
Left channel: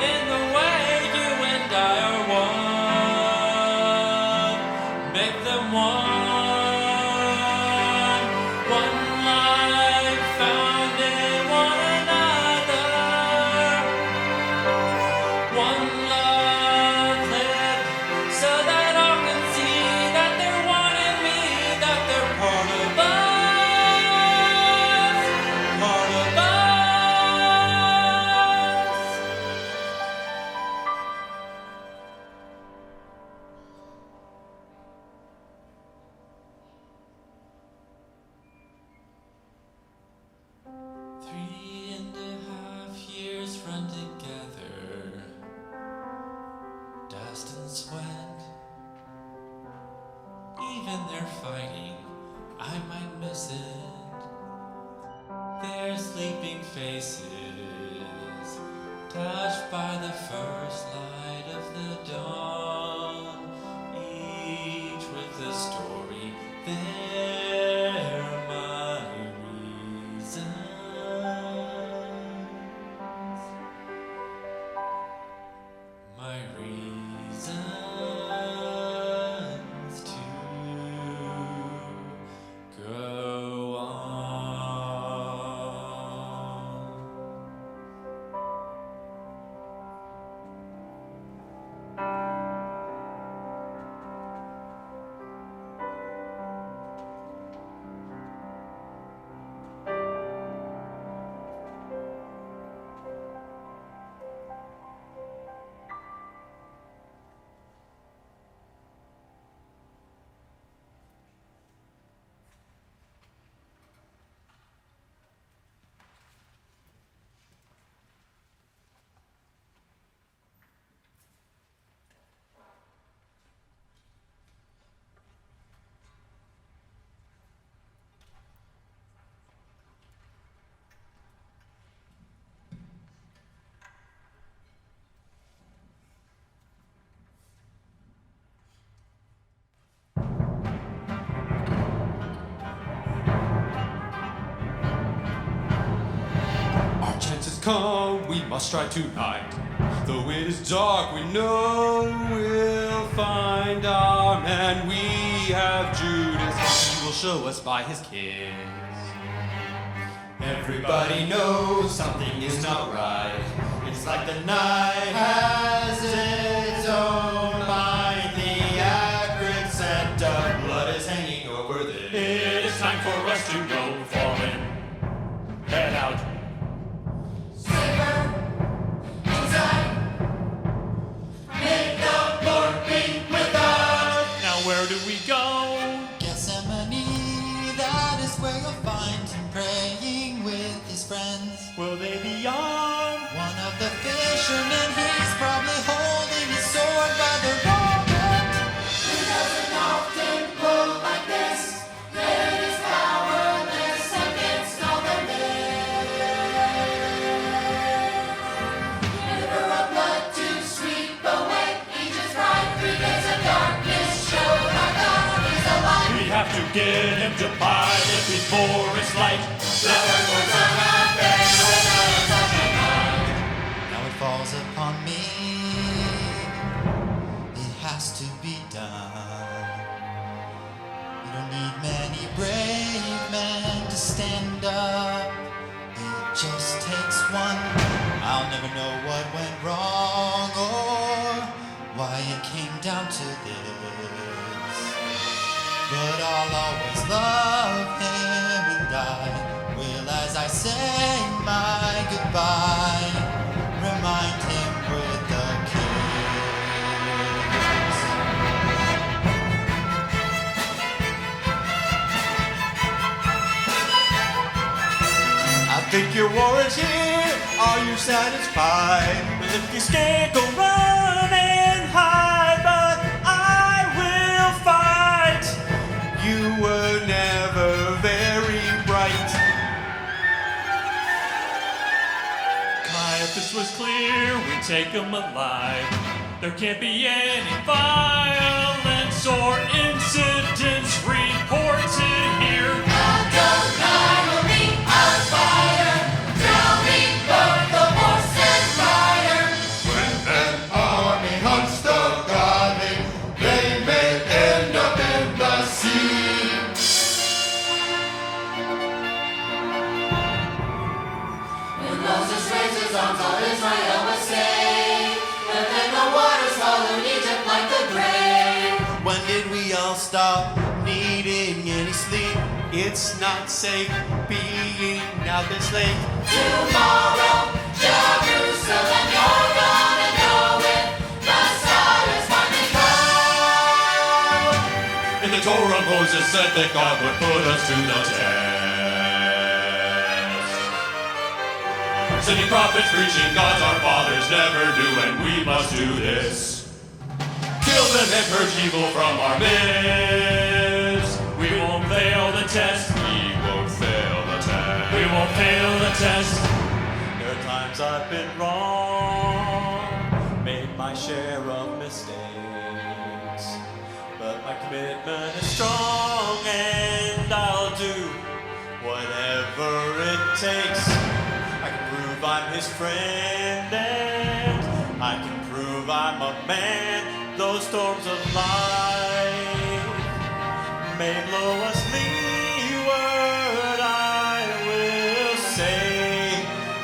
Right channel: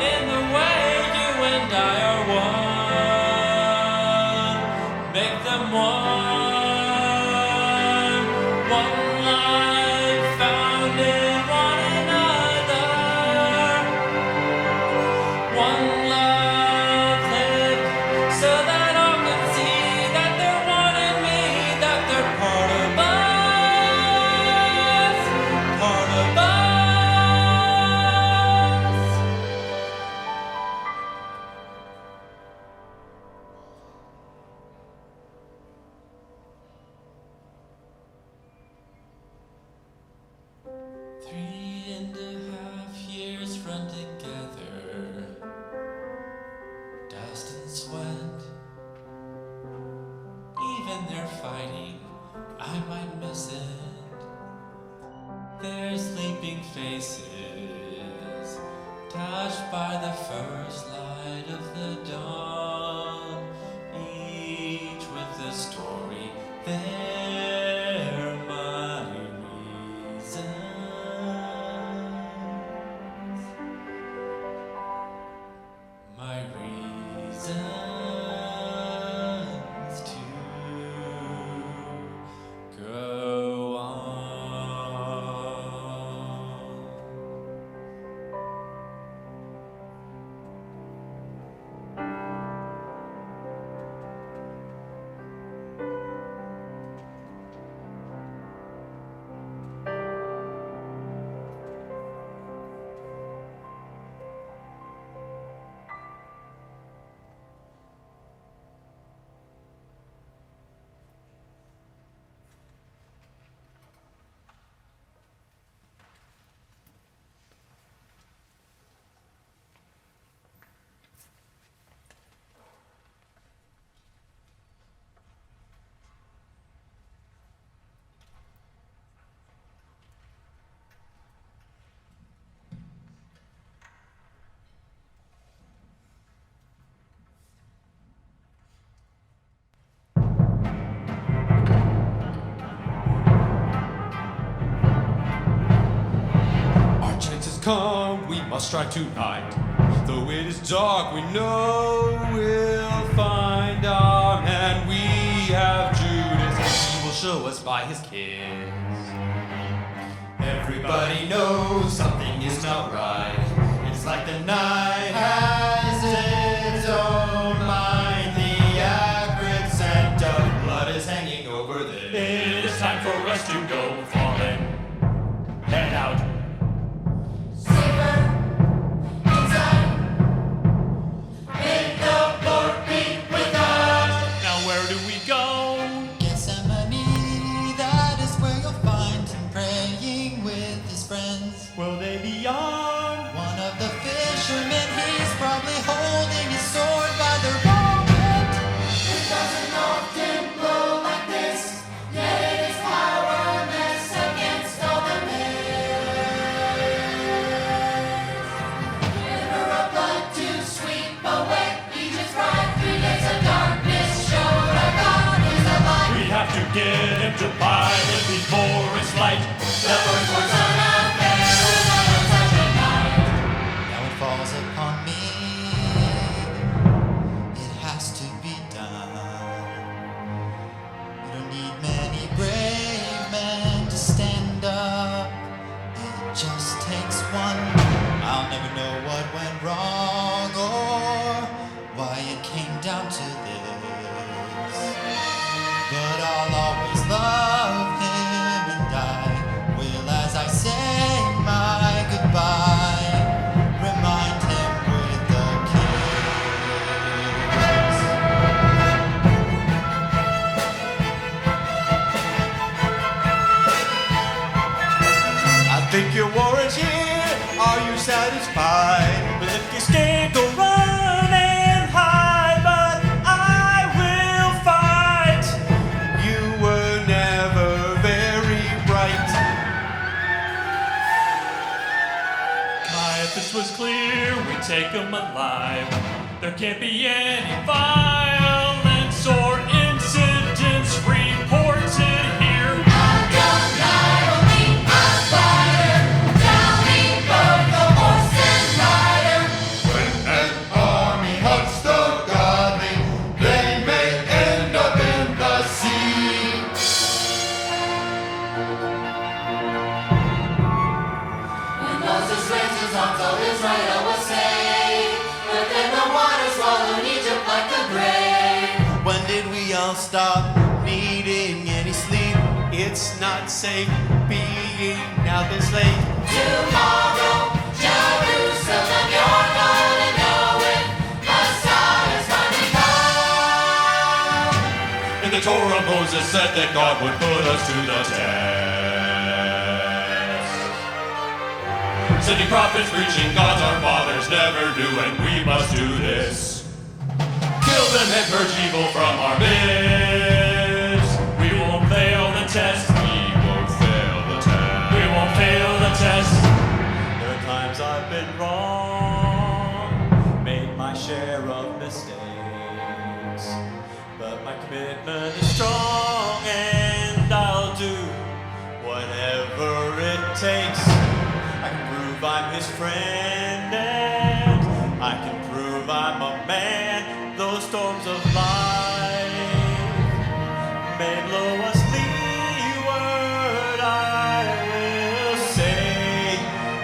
in the way you and I are one. Make them one life found in one another, one love lived, so that all can see that they're one in me, that they're part of us, part of us. 3.5 years run together, dust and sweat. Even their fighting, I might miss it. Their sleeping faces, touched by the first light of the dawn, each with a story. They're my reasons. My reasons to go on. Our chances come, we must strike tonight. Though it is dark, we know we'll find our man. We have Judas, he will show us by his kiss. Everybody knows something is not right. It's like the night has its own mind. The acrid scent of blood is hanging over this. It is time for us to go falling. Head out. Safer inside. Make the Lord be with us. Now where do we go? Gethsemane, that is where you'll find him praying with his friends. Will they be armed? One of the fishermen, he's probably holding his sword by the wrong end. It doesn't often blow like this, yet it is powerless against all the mist. River of blood to sweep away Egypt's pride. 3 days of darkness showed our God is alive. We have to get him to Pilate before it's light. The firstborn son of Pharaoh, that on such a night. Now it falls upon me, it has to be done. You don't need many brave men to stand up, it just takes one. I'll never know what went wrong or why it came down to this, but I'll always love him and I will, as I say my goodbye, remind him with a kiss. I think your war is here. Are you satisfied? Well, if you scared, go run and hide, but I will fight. You were never very bright. Caiaphas was clear, we take him alive. There can't be any violence or incidents reported here. Adonai will be our fighter, drowning both the horse and rider. When an army hunts the godly, they may end up in the sea. When Moses raised his arms, all Israel was saved. But then the waters swallowed Egypt like the grave. When did we all stop needing any sleep? It's not safe being out this late. Tomorrow, Jerusalem, you're gonna know it. Messiah's finally come. In the Torah, Moses said that God would put us to the test. Sending prophets preaching God's our fathers never do, and we must do this. Kill them and purge evil from our midst. We won't fail the test. We won't fail the test. We won't fail the test. There are times I've been wrong, made my share of mistakes, but my commitment is strong and I'll do whatever it takes. I can prove I'm his friend and I can prove I'm a man. Those storms of life may blow us leeward, I will say,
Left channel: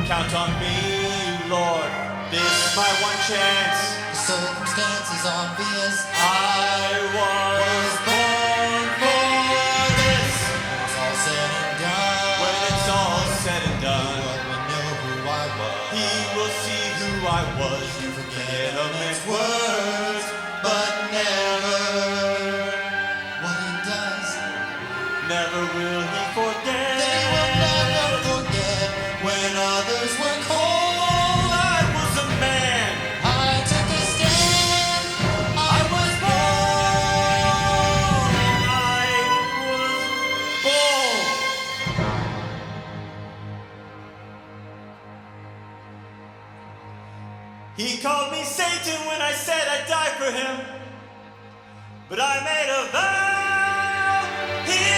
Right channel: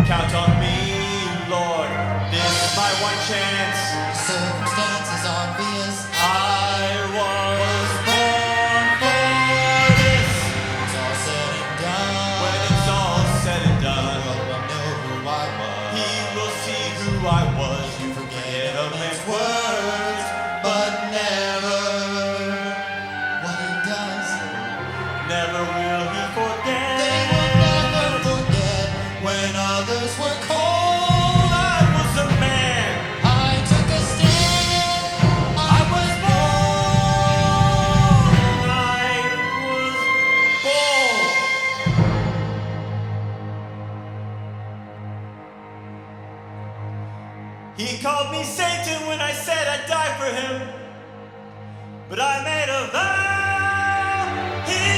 count on me, Lord, this my one chance. The circumstance is obvious, I was born for this. when it's all said and done, When it's all said and the done, world will know who I was. he will see who I was. You forget a man's words, but never what he does. never will he forget. They will never forget when others were cold. I was a man. I took a stand. I was born. He called me Satan when I said I'd die for him, but I made a vow. He